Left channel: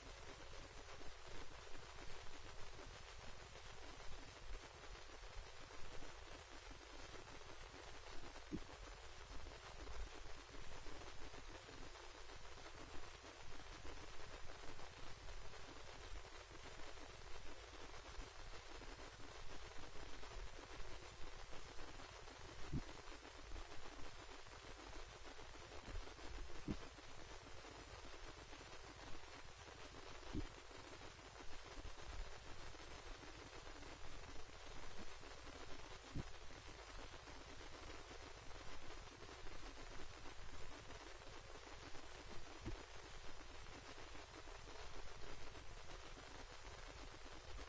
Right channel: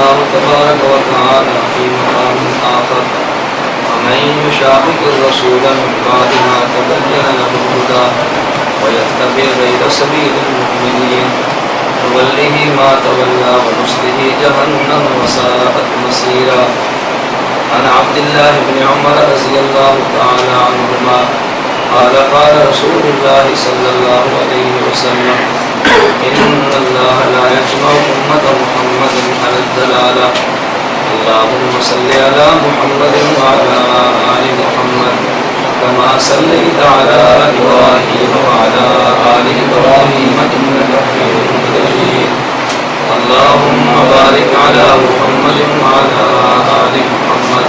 الله تبارك وتعالى في مقام آخر ومن يشاقق الرسول من بعد ما تبين له الهدى ويتبع غير سبيل المؤمنين نوله ما تولى ونصله جهنم وساءت مصيرا. عن عبد الله بن عمر رضي الله تعالى عنهما قال قال رسول الله صلى الله عليه وسلم إن الله لا يجمع أمة محمد على الضلالة اللهم صل على محمد وعلى آل محمد كما صليت على إبراهيم وعلى آل إبراهيم إنك حميد مجيد. اللهم بارك على محمد وعلى آل محمد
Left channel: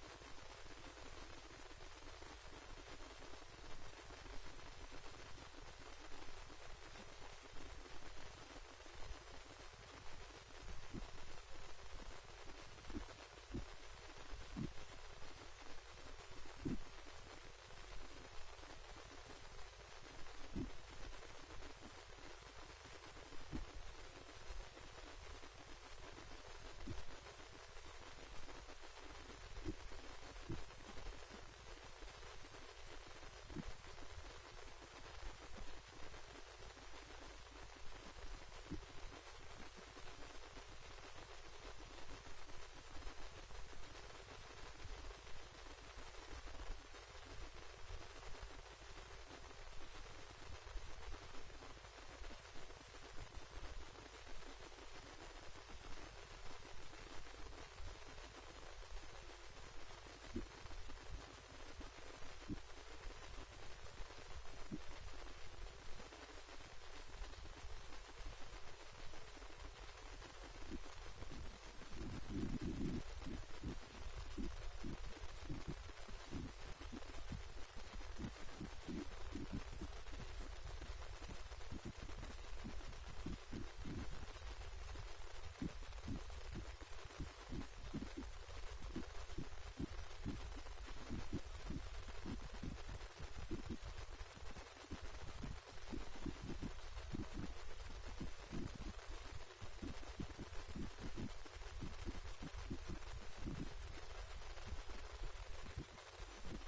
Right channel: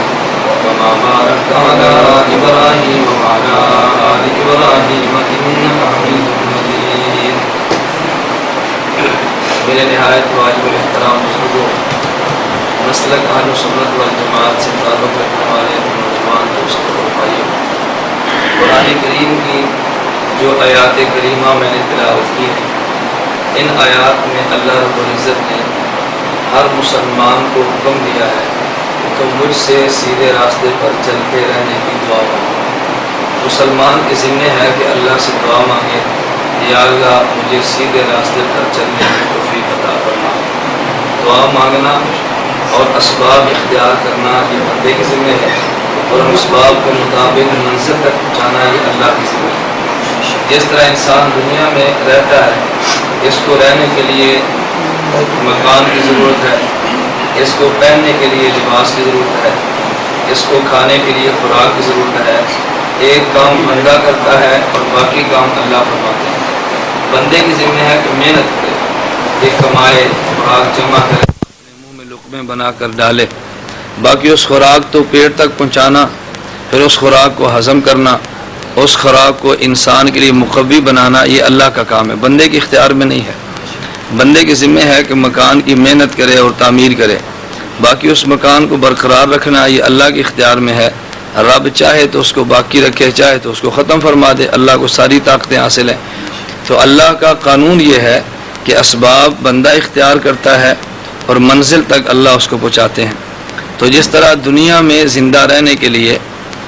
كما باركت على إبراهيم وعلى آل إبراهيم إنك حميد مجيد. میرے نہایت واجب الاحترام بزرگوں، مسلک اہل سنت والجماعت سے تعلق رکھنے والے نوجوان دوستوں اور بھائیوں، قرآن کریم کی جو آیات کریمہ میں نے تلاوت کی ہے، ان آیات میں اللہ رب العزت نے ہر مسلمان کو حکم دیا ہے کہ مجھ سے سیدھے راستے پر چلتے رہنے کی دعا مانگے۔ مسلمان کے ذمہ ہے کہ اللہ سے دعا مانگے، یا اللہ مجھے سیدھے راستے پر چلنے کی توفیق عطا فرما۔ دعا مانگنا اور اسباب اختیار کرنا یہ بندے کے ذمہ ہے، اور اسباب کے مطابق منزل تک پہنچانا یہ اللہ کی ذمہ ہے۔ جس طرح انسان دنیا میں رہتا ہے، اس کو رہنے کے لیے مکان کی ضرورت ہے، اس کو پہننے کے لیے لباس کی ضرورت ہے، اس کو کھانے کے لیے خوراک کی ضرورت ہے۔ ایک کام بندہ کرتا ہے اور باقی کام اللہ فرماتے ہیں۔ بندے کی ذمہ ہے کہ محنت کرے، ایک کمائے، خوراک جمع کرے، اپنے منہ میں لقمے بنا کر ڈالے، باقی اس خوراک تو پیٹ تک پہنچانا، پھر اس خوراک کو ہضم کرنا، اس خوراک کو انسان کے لیے مقوی بنانا، یہ اللہ کا کام ہے، بندے کے اختیار میں نہیں ہے۔ بندے کی ذمہ ہے کہ مکان کی محنت کرے اور تعمیر کرے، باقی اس مکان کو برقرار رکھنا یہ اللہ کے اختیار میں ہے۔ رب چاہے تو اس کو باقی رکھے، چاہے تو اس کو ختم فرما دے، اللہ کو ساری طاقتیں حاصل ہیں۔ تو اللہ کا قانون یہ ہے کہ اسباب بندہ اختیار کرتا ہے اور منزل تک اللہ اس کو پہنچاتے ہیں۔ تو جس طرح دنیا میں زندہ رہنے کے لیے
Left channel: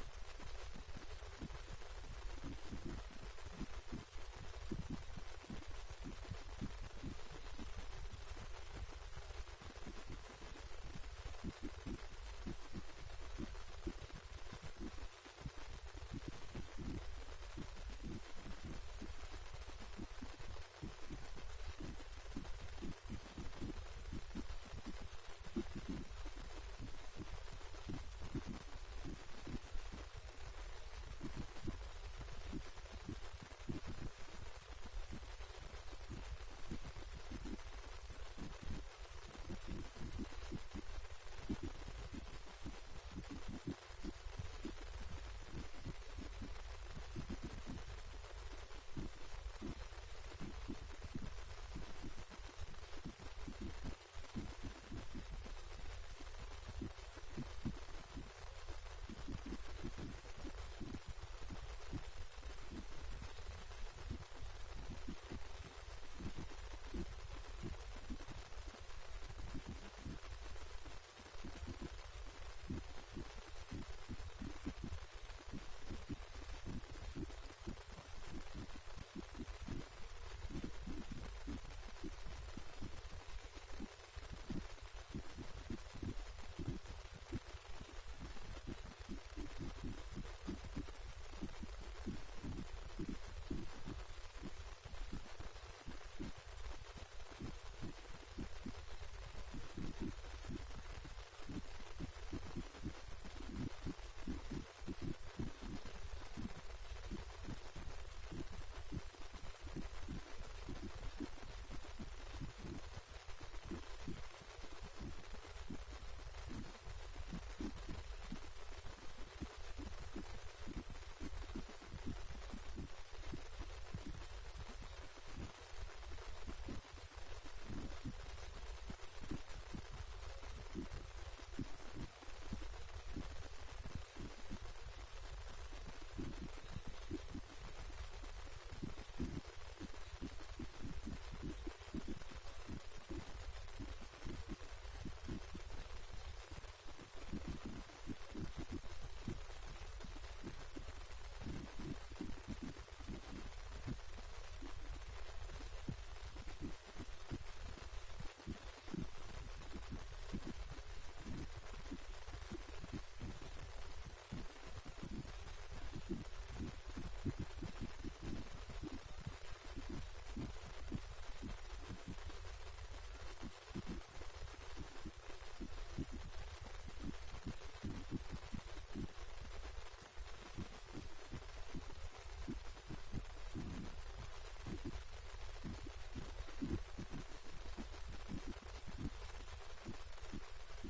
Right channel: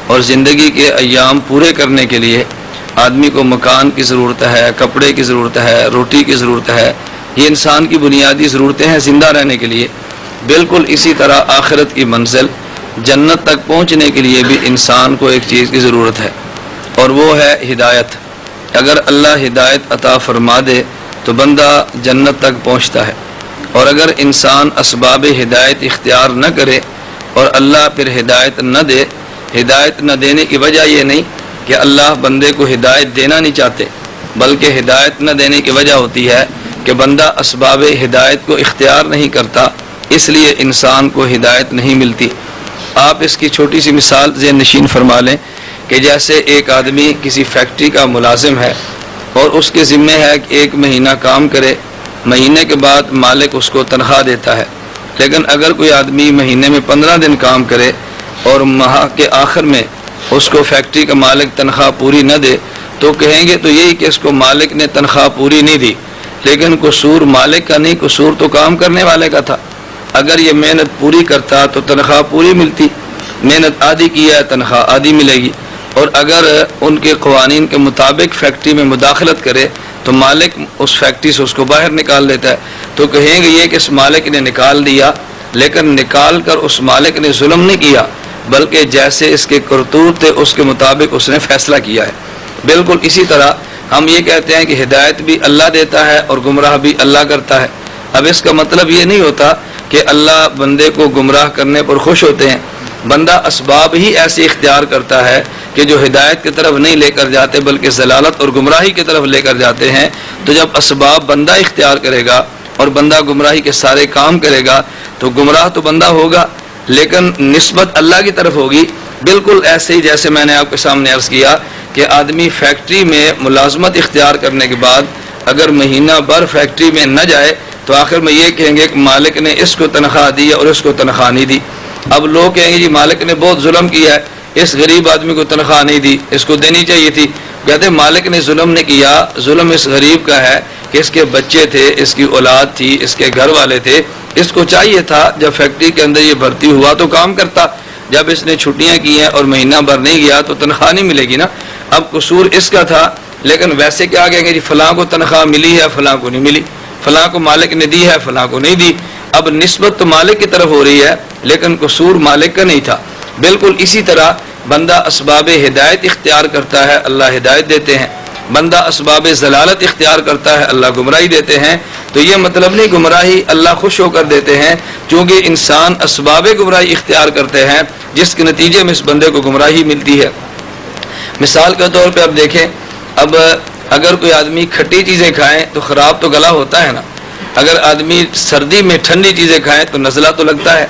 اور زندگی کے ایام پورے کرنے کے لیے آدمی کو مکان کی ضرورت ہے، کپڑے کی ضرورت ہے، روٹی کی ضرورت ہے، یہ انسان کی بنیادی ضرورتیں ہیں زندہ رہنے کے لیے، بالکل اسی طرح آخرت کی منزل جنت تک پہنچنے کے لیے بھی انسان کو ایک چیز کی ضرورت ہے، اور وہ ہے ہدایت۔ اگر اللہ ہدایت عطا فرما دے تو بندہ جنت تک پہنچتا ہے، اور اگر انسان اسباب ہدایت اختیار نہ کرے اور اللہ پھر ہدایت نہ دے، ہدایت نہ دینے کی وجہ یہ نہیں کہ اللہ بندے کو ہدایت دینا نہیں چاہتے، بلکہ ہدایت نہ دینے کی وجہ ہوتی ہے کہ بندہ اسباب ہدایت کو اختیار نہیں کرتا، اس لیے انسان کو ہدایت نہیں ملتی۔ آپ اس کی چھوٹی سی مثال ذہن نشین فرما لیں کہ جیسے ایک آدمی کسی فیکٹری کا ملازم ہے اور اس کے ذمہ ہے کہ ایک مہینہ کام کرے، مہینے کے بعد مالک اس کو تنخواہ دیتا ہے، لیکن اگر کوئی آدمی مہینے میں 15 دن کام کرے اور ماہ کے آخر میں اس کو فیکٹری کا مالک تنخواہ پوری نہ دے تو کہیں گے تو یہی کہ اس کو مالک نے تنخواہ پوری نہیں دی، لیکن قصور مالک کا نہیں، قصور تو کام کرنے والے کا تھا۔ اگر یہ محنت پوری کرتا تو تنخواہ پوری ملتی، محنت آدھی کی ہے تنخواہ آدھی ملے گی، اور اگر ان کے قوانین کے مطابق فیکٹری میں مداخلت کرے تو مالک اس فیکٹری سے اس کو باہر نکال دیتا ہے، تو کہیں گے یہ کہ اس مالک نے نکال دیا، لیکن نکال کر اس مالک نے ظلم نہیں کیا، بلکہ جیسے اس کے کرتوت تھے اس کے مطابق اس نے فیصلہ کیا ہے۔ بالکل اسی طرح ہم یہ کہتے ہیں کہ ہدایت بھی اللہ دیتا ہے اور گمراہ بھی اللہ کرتا ہے۔ اب اس کا مطلب یہ نہیں ہوتا کہ اللہ بندے کو گمراہ کرنے پر خوش ہوتے ہیں، بندہ اسباب ہی ایسے اختیار کرتا ہے کہ جو ہدایت کی طرف نہیں لے کر جاتے بلکہ ضلالت اور گمراہی کی طرف لے کر جاتے ہیں۔ تو جب اسباب بندہ اختیار کرے گا اور بندہ گمراہی کے سارے کام کرے گا تو گمراہ تو بندہ ہوگا لیکن نسبت اللہ کی طرف ہوگی۔ بالکل ایسے ہی جیسے میں نے آپ کے سامنے عرض کیا کہ آدمی فیکٹری میں ملازمت اختیار کرنے کے بعد اگر مہینہ بھر فیکٹری میں نہ جائے تو آخر میں یہ کہیں گے کہ مالک نے اس کو تنخواہ دی اور اس کو تنخواہ نہیں دی۔ اب لوگ کہیں گے جی مالک نے بہت ظلم کیا ہے، اس غریب آدمی کو تنخواہ نہیں دی، اس کو دینی چاہیے تھی۔ کہتے مالک نے ظلم نہیں کیا، ظلم اس غریب کا ہے کہ اس کے بچے تھے، اس کی اولاد تھی، اس کے گھر والے تھے، اس کو چاہیے تھا جب فیکٹری کے اندر یہ بھرتی ہوا تو کام کرتا، جب اس نے چھٹیاں کی ہیں اور مہینہ بھر نہیں گیا تو تنخواہ نہیں ملے گی نا۔ اب قصور اس کا تھا، لیکن ویسے کیا کہیں گے جی فلاں کو تنخواہ ملی ہے فلاں کو نہیں ملی، فلاں کو مالک نے دی ہے فلاں کو نہیں دی۔ اب نسبت تو مالک کی طرف ہو رہی ہے لیکن قصور مالک کا نہیں تھا۔ بالکل اسی طرح بندہ اسباب ہدایت اختیار کرتا ہے، اللہ ہدایت دیتے ہیں، بندہ اسباب ضلالت اختیار کرتا ہے، اللہ گمراہی دیتے ہیں۔ تو یہ مطلب نہیں گمراہی اللہ خوش ہو کر دیتے ہیں، چونکہ انسان اسباب گمراہی اختیار کرتے ہیں جس کے نتیجے میں اس بندے کو گمراہی ملتی ہے۔ مثال کے طور پہ اب دیکھیں، اب اگر کوئی آدمی کھٹی چیزیں کھائیں تو خراب تو گلا ہوتا ہے نا، اگر آدمی سردی میں ٹھنڈی چیزیں کھائیں تو نزلہ تو لگتا ہے،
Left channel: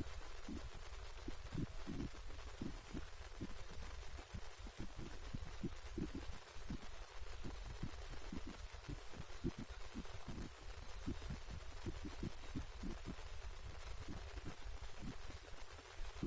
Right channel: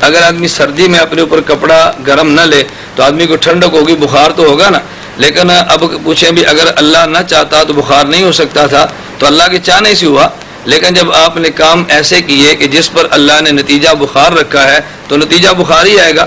اگر آدمی سردی میں اپنے اوپر کپڑا گرم نہ لے تو آدمی کو ٹھنڈک ہوگی، بخار تو ہوگا نا۔ لیکن اب پوچھیں بھی اگر اللہ نہ چاہتا تو بخار نہیں ہو سکتا تھا، تو اللہ کے چاہنے سے ہوا۔ لیکن جب آپ نے کام ایسے کیے کہ جس پر اللہ نے نتیجہ بخار رکھا ہے تو نتیجہ بخار ہی آئے گا۔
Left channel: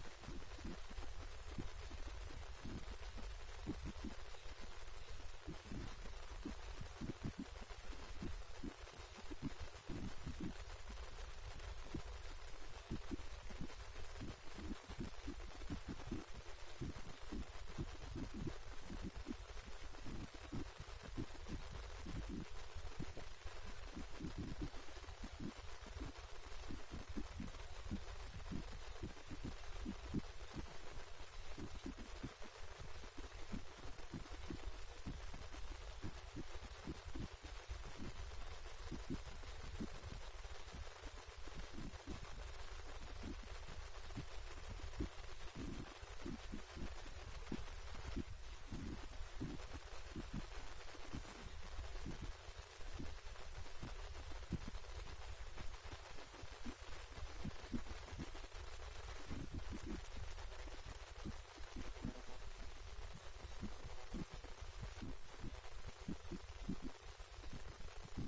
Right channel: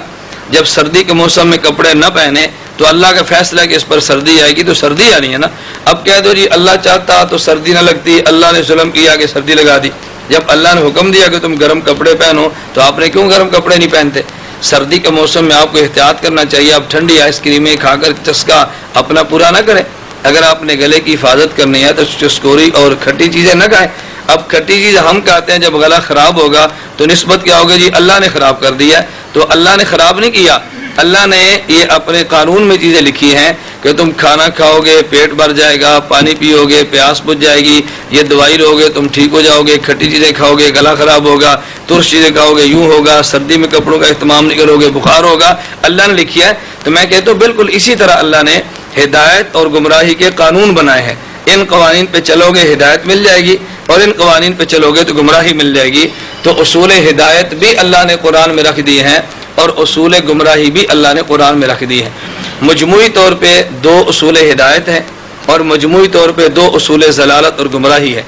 جب سردی کے موسم میں کپڑے نہ پہنے تو اللہ کا فیصلہ ہے کہ اس پر سردی آئے گی تو سردی آنی ہے نا۔ اب کہہ دو جی اللہ چاہتا تو سردی نہ لگتی، اللہ نے ظلم کیا کہ سردی لگا دی۔ جب اللہ نے حکم دیا کہ تم گرم کپڑے پہنو تو آپ نے کیوں گرم کپڑے نہیں پہنتے؟ سردی کے موسم میں آپ کو احتیاط کرنا چاہیے، آپ ٹھنڈی آئس کریمیں کھا کر چسکا اپنا پورا نہ کریں۔ اگر آپ نے گلے کی حفاظت کرنی ہے تو چسکوری اور کھٹی چیزیں نہ کھائیں۔ اب کھٹی چیز ہم کہتے ہیں جب گلا خراب ہوگا تو نسبت کیا ہوگی جی اللہ نے خراب کر دیا ہے، تو اللہ نے خراب نہیں کیا، اللہ نے یہ اپنے قانون میں چیزیں لکھی ہیں کہ تم کھانا کھاؤ گے پیٹ بھر جائے گا، پانی پیو گے پیاس بجھ جائے گی، یہ دوائی لو گے تم ٹھیک ہو جاؤ گے، کھٹی چیزیں کھاؤ گے گلا خراب ہوگا، ترش چیزیں کھاؤ گے یوں ہوگا، سردی میں کپڑوں کا اہتمام نہیں کرو گے بخار ہوگا، اللہ نے لکھی ہے۔ تو میں کہتا ہوں بالکل اسی طرح اللہ نے ہدایت اور گمراہی کے قانون بنائے ہیں، ان قوانین پہ چلو گے ہدایت مل جائے گی اور ان قوانین پہ چلو گے تو گمراہی مل جائے گی۔ تو اصول ہدایت بھی اللہ نے قرآن میں رکھ دیے ہیں اور اصول گمراہی بھی اللہ نے قرآن میں رکھ دیے ہیں۔ مجموعی طور پہ دو اصول ہدایت ہیں اور مجموعی طور پہ دو اصول ضلالت اور گمراہی ہے۔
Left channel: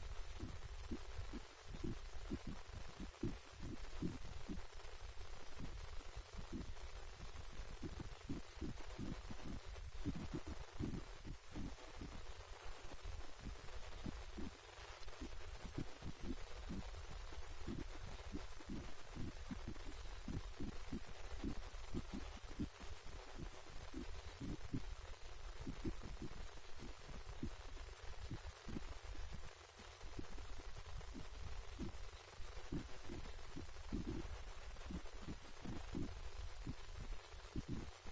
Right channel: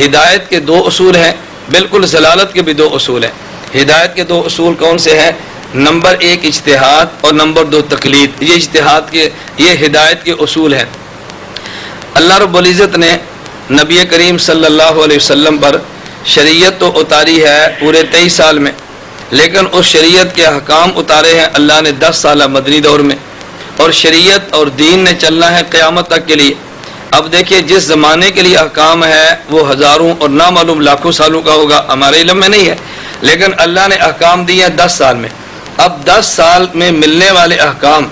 ہدایت کے دو اصول ہیں، بالکل ضلالت کے بھی دو اصول ہیں۔ ہدایت کے دو اصول کون سے ہیں؟ نمبر ایک اجتہاد اور نمبر دو تقلید۔ یہ اجتہاد کے یہ ہدایت کے اصول ہیں۔ اللہ رب العزت نے نبی کریم صلی اللہ علیہ وسلم پر شریعت تو اتاری ہے پورے 23 سال میں، لیکن اس شریعت کے احکام اتارے ہیں اللہ نے 10 سالہ مدنی دور میں، اور شریعت اور دین نے چلنا ہے قیامت تک کے لیے۔ اب دیکھیے جس زمانے کے لیے احکام ہے وہ ہزاروں اور نامعلوم لاکھوں سالوں کا ہوگا، ہمارے علم میں نہیں ہے، لیکن اللہ نے احکام دیے ہیں 10 سال میں۔ اب 10 سال میں ملنے والے احکام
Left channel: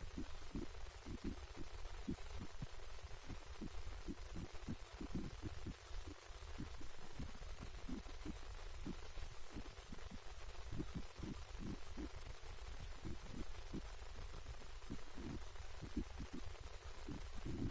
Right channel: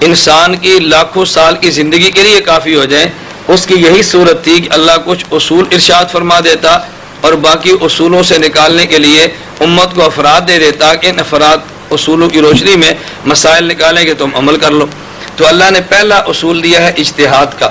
انسان کی لاکھوں سال کی زندگی کے لیے کافی ہو جائیں، اس کی یہی صورت تھی کہ اللہ کچھ اصول ارشاد فرما دیتا اور باقی اصولوں سے نکالنے کے لیے امت کو افراد دے دیتا کہ ان افراد اصولوں کی روشنی میں مسائل نکالیں کہ تم عمل کر لو۔ تو اللہ نے پہلا اصول دیا ہے اجتہاد کا۔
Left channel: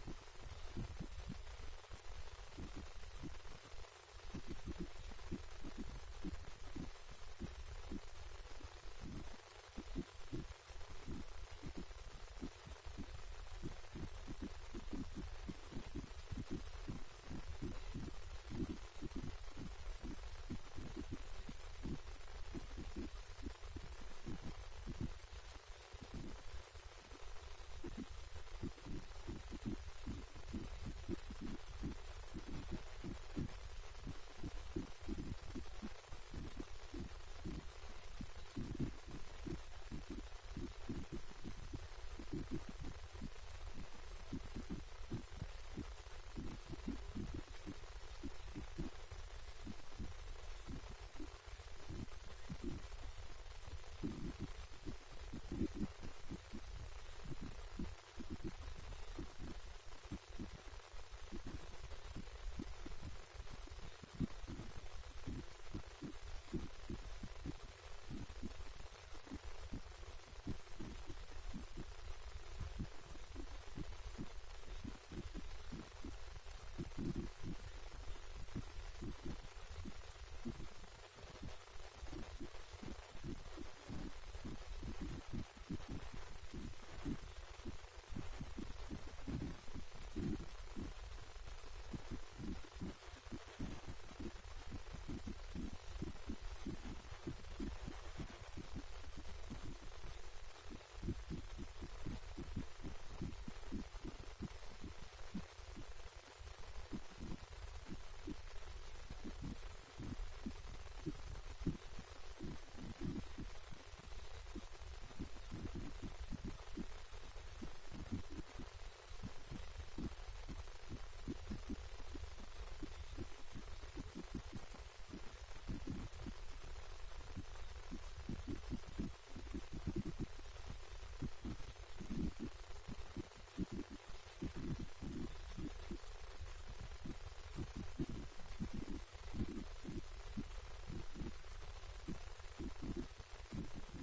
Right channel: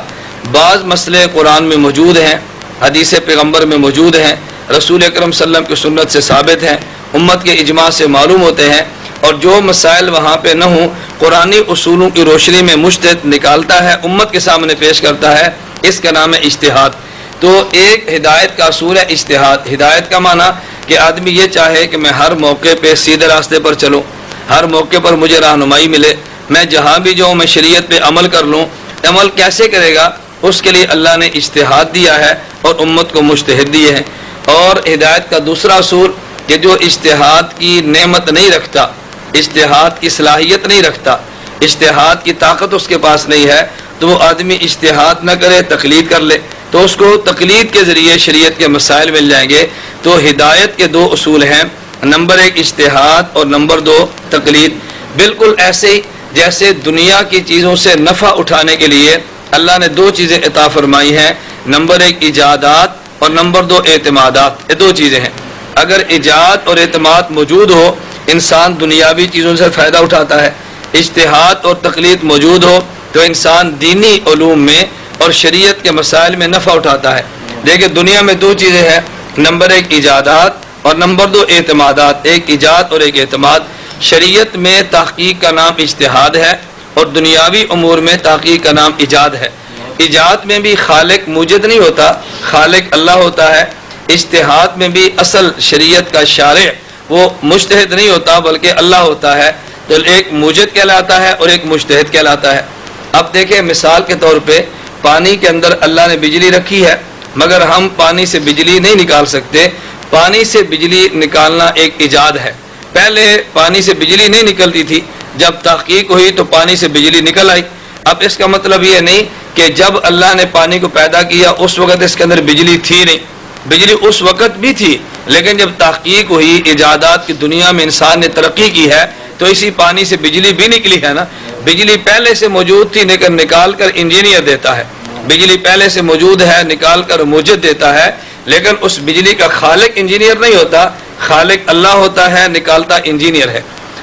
بعض مسئلے قرآن میں موجود ہیں، حدیث پیغمبر میں موجود ہیں، رسول اکرم صلی اللہ علیہ وسلم کی سنت سے ثابت ہیں، امت کے اجماع سے معلوم ہوتے ہیں، اور جو مسائل وہاں پہ نہ ہوں قرآنی اصولوں کی روشنی میں مجتہد نکالتا ہے امت کے سامنے پیش کرتا ہے، اس کا نام ہے اجتہاد۔ تو ایک ہدایت کا اصول ہے اجتہاد۔ ہدایت کا معنی کہ آدمی یہ چاہے کہ میں ہر موقع پہ سیدھے راستے پر چلوں، ہر موقع پر مجھے رہنمائی ملے، میں جہاں بھی جاؤں میں شریعت پہ عمل کر لوں۔ عمل کیسے کرے گا؟ اس کے لیے اللہ نے اجتہاد دیا ہے اور امت کو مجتہد دیے ہیں۔ اور ہدایت کا دوسرا اصول کہ جو اجتہاد کی نعمت نہیں رکھتا، اجتہاد کی صلاحیت نہیں رکھتا، اجتہاد کی طاقت اس کے پاس نہیں ہے، تو وہ آدمی اجتہاد نہ کرے تقلید کر لے تو اس کو تقلید کے ذریعے شریعت کے مسائل مل جائیں گے۔ تو ہدایت کے دو اصول ہیں، نمبر ایک اجتہاد اور نمبر دو تقلید۔ بالکل ایسے ہی جیسے دنیا کی چیزوں سے نفع اٹھانے کے لیے اللہ نے دو چیزیں عطا فرمائی ہیں، نمبر ایک ایجادات اور نمبر دو اعتمادات۔ یہ دو چیزیں ہیں، اگر ایجاد اور اعتماد موجود ہو انسان دنیاوی چیزوں سے فائدہ اٹھاتا ہے، اجتہاد اور تقلید موجود ہو تو انسان دینی علوم میں اور شریعت کے مسائل میں نفع اٹھاتا ہے۔ دیکھیں دنیا میں دو چیزیں ہیں، نمبر ایک ایجادات اور نمبر دو اعتمادات، ایک ایجاد اور ایک اعتماد۔ شریعت میں تحقیق کا نام اجتہاد ہے اور دنیاوی امور میں تحقیق کا نام ایجاد ہے۔ ایجاد میں بھی خالق موجد نہیں ہوتا، خالق اللہ ہوتا ہے۔ اجتہاد میں بھی اصل شریعت کا شارع وہ مجتہد نہیں ہوتا بلکہ اللہ ہوتا ہے، تو ایک موجد کہلاتا ہے اور ایک مجتہد کہلاتا ہے۔ اب دیکھیں مثال کے طور پہ پانی کے اندر اللہ نے بجلی رکھی ہے، مگر ہم پانی سے بجلی نہیں نکال سکتے۔ پانی سے بجلی نکالنا ایک ایجاد ہے. پہلے پانی سے بجلی نہیں نکلتی تھی، جب تحقیق ہوئی تو پانی سے بجلی نکل آئی. اب اس کا مطلب یہ نہیں کہ جب اللہ نے پانی کو پیدا کیا اس وقت اس کے اندر بجلی تھی نہیں، بجلی اس وقت بھی تھی، لیکن جب تحقیق ہوئی، ایجادات کی دنیا میں انسان نے ترقی کی ہے تو اسی پانی سے بجلی بھی نکلی ہے نا. بجلی پہلے سے موجود تھی لیکن نکال کر انجینئر دیتا ہے. بجلی پہلے سے موجود ہے، نکال کر موجد دیتا ہے، لیکن اس بجلی کا خالق انجینئر نہیں ہوتا، خالق اللہ ہوتا ہے، نکالتا انجینئر ہے.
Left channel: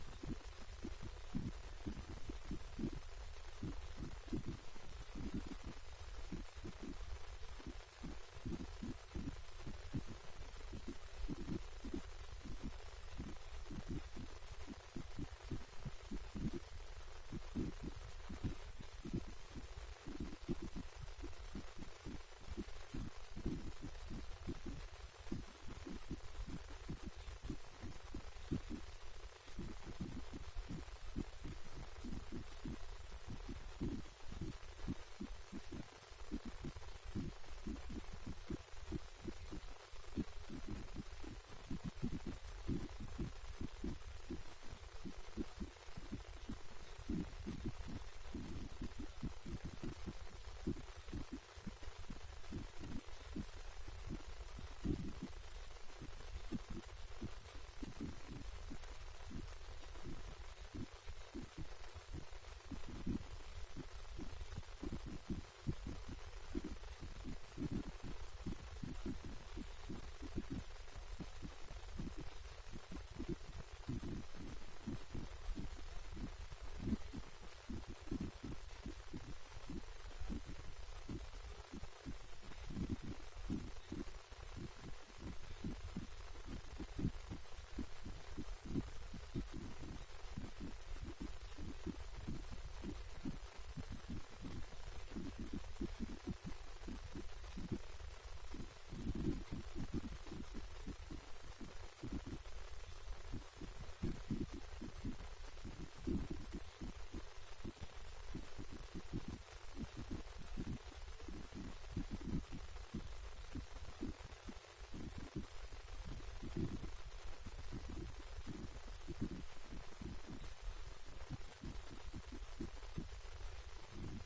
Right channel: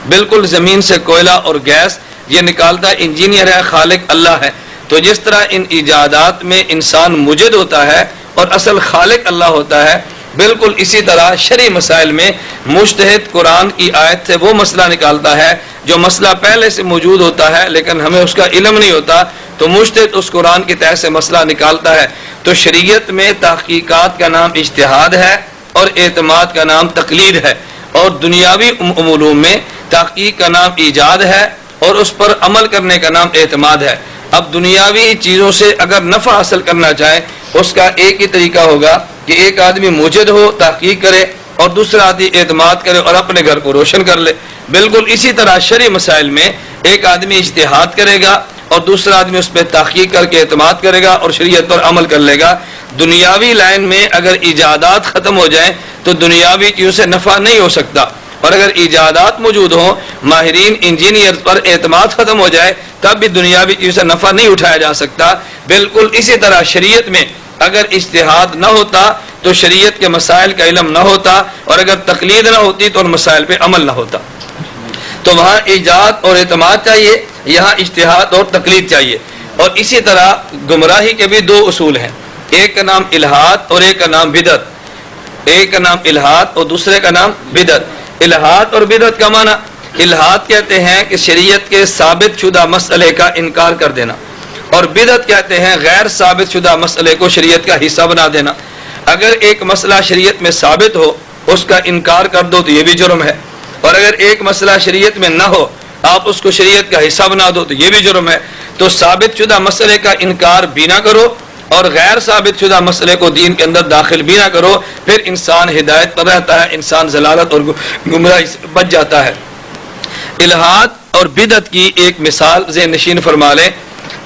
بالکل زمین سے کوئلہ اور گیس یہ نکالتا انجینئر ہے، خالق اللہ ہے. تو جس طرح ان ایجادات میں انسان موجد ہوتا ہے اور اصل خالق اللہ ہوتا ہے، بالکل اسی طرح شرعی مسائل میں مجتہد قرآن کی آیت سے وہ مسئلہ نکالتا ہے جو مسئلہ پہلے سے موجود ہوتا ہے لیکن ہمیں اس کا علم نہیں ہوتا، تو مجتہد اس قرآن کے تحت سے مسئلہ نکالتا ہے. تو شریعت میں تحقیقات کا نام اجتہاد ہے اور اعتماد کا نام تقلید ہے، اور دنیاوی علوم میں تحقیق کا نام ایجاد ہے اور اس پر عمل کرنے کا نام اعتماد ہے. اب دنیاوی چیزوں سے اگر نفع حاصل کرنا چاہے اس کا ایک ہی طریقہ ہوگا کہ ایک آدمی موجد ہو، تحقیق کرے، اور دوسرا آدمی اعتماد کرے اور اپنے گھر کو روشن کر لے. بالکل اسی طرح شرعی مسائل میں ایک آدمی اجتہاد کرے گا اور دوسرا آدمی اس پہ تحقیق کر کے اعتماد کرے گا اور شریعت پر عمل کر لے گا. دنیاوی لائن میں اگر ایجادات ختم ہو جائیں تو دنیاوی چیزوں سے نفع نہیں ہو سکتا، اور اگر ایجادات موجود ہوں، ماہرین انجینئر پر اعتماد ختم ہو جائے تب بھی دنیاوی چیزوں سے نفع نہیں اٹھایا جا سکتا. بالکل اسی طرح شریعت میں اگر اجتہاد نہ ہوتا تو شریعت کے مسائل کا علم نہ ہوتا، اور اگر تقلید نہ ہوتی تو ان مسائل پہ عمل نہ ہوتا. تو وہاں ایجاد اور اعتماد چاہیے، یہاں اجتہاد اور تقلید چاہیے. اور اسی طرح گمراہی کے بھی دو اصول ہیں، ایک کا نام الحاد اور ایک کا نام بدعت. ایک کا نام الحاد اور دوسرے کا نام بدعت. الحاد اور بدعت کا معنی، الحاد کہتے ہیں کہ شریعت کے ثابت شدہ مسئلے کا انکار کر دینا، اور بدعت کہتے ہیں غیر ثابت شدہ مسئلے کو شریعت کا حصہ بنا دینا. اگر ایک مسئلہ شریعت میں ثابت ہو اس کا انکار کر دو تو یہ بھی جرم ہے، اور اگر ایک مسئلہ شریعت میں نہ ہو آپ اس کو شریعت کا حصہ بنا دو تو یہ بھی جرم ہے. تو ثابت شدہ مسئلے کا انکار بھی نہ کرو اور غیر ثابت شدہ مسئلے کو دین کے اندر داخل بھی نہ کرو، پھر انسان ہدایت پر رہتا ہے، انسان ضلالت اور گمراہی سے بچ جاتا ہے. الحاد اور بدعت کی ایک مثال ذہن نشین فرما لیں.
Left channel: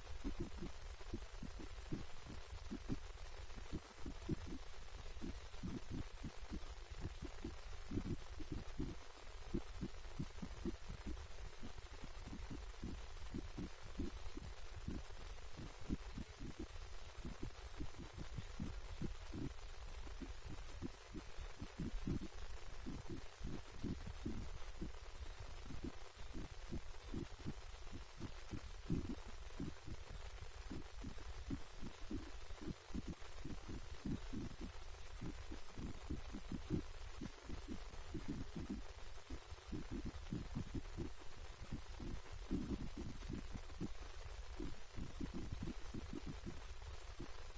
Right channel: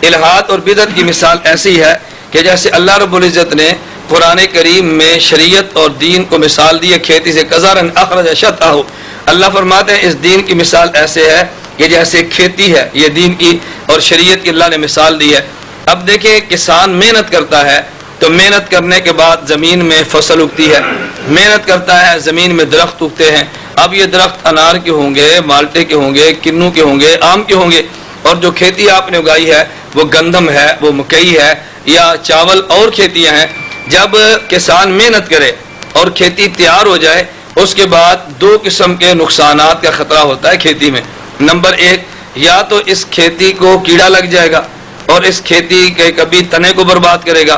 الحاد اور بدعت کی مثال ایسی ہے کہ جیسے اللہ رب العزت نے قرآن کریم میں شریعت اور دین کو مثال دی ہے کھیتی سے، کزارن اخرج شطأہ. اللہ فرماتے ہیں اس دین کی مثال ایسے ہے کہ جیسے کھیتی ہے، یہ دین کی اور شریعت کی اللہ نے مثال دی ہے. اب دیکھیں کسان محنت کرتا ہے تو محنت کرنے کے بعد زمین میں فصل اگتی ہے، محنت کرتا ہے زمین میں درخت اگتے ہیں. اب یہ درخت انار کے ہوں گے، مالٹے کے ہوں گے، کنو کے ہوں گے، آم کے ہوں گے. اور جو کھیتی آپ نے اگائی ہے وہ گندم ہے، وہ مکئی ہے یا چاول اور کھیتیاں ہیں. جب کسان محنت کرے اور کھیتی تیار ہو جائے اس کے بعد دو قسم کے نقصانات کا خطرہ ہوتا ہے کھیتی میں. نمبر ایک، یا تو اس کھیتی کو کیڑا لگ جائے گا اور اس کھیتی کے کبھی تنے کو برباد کرے گا،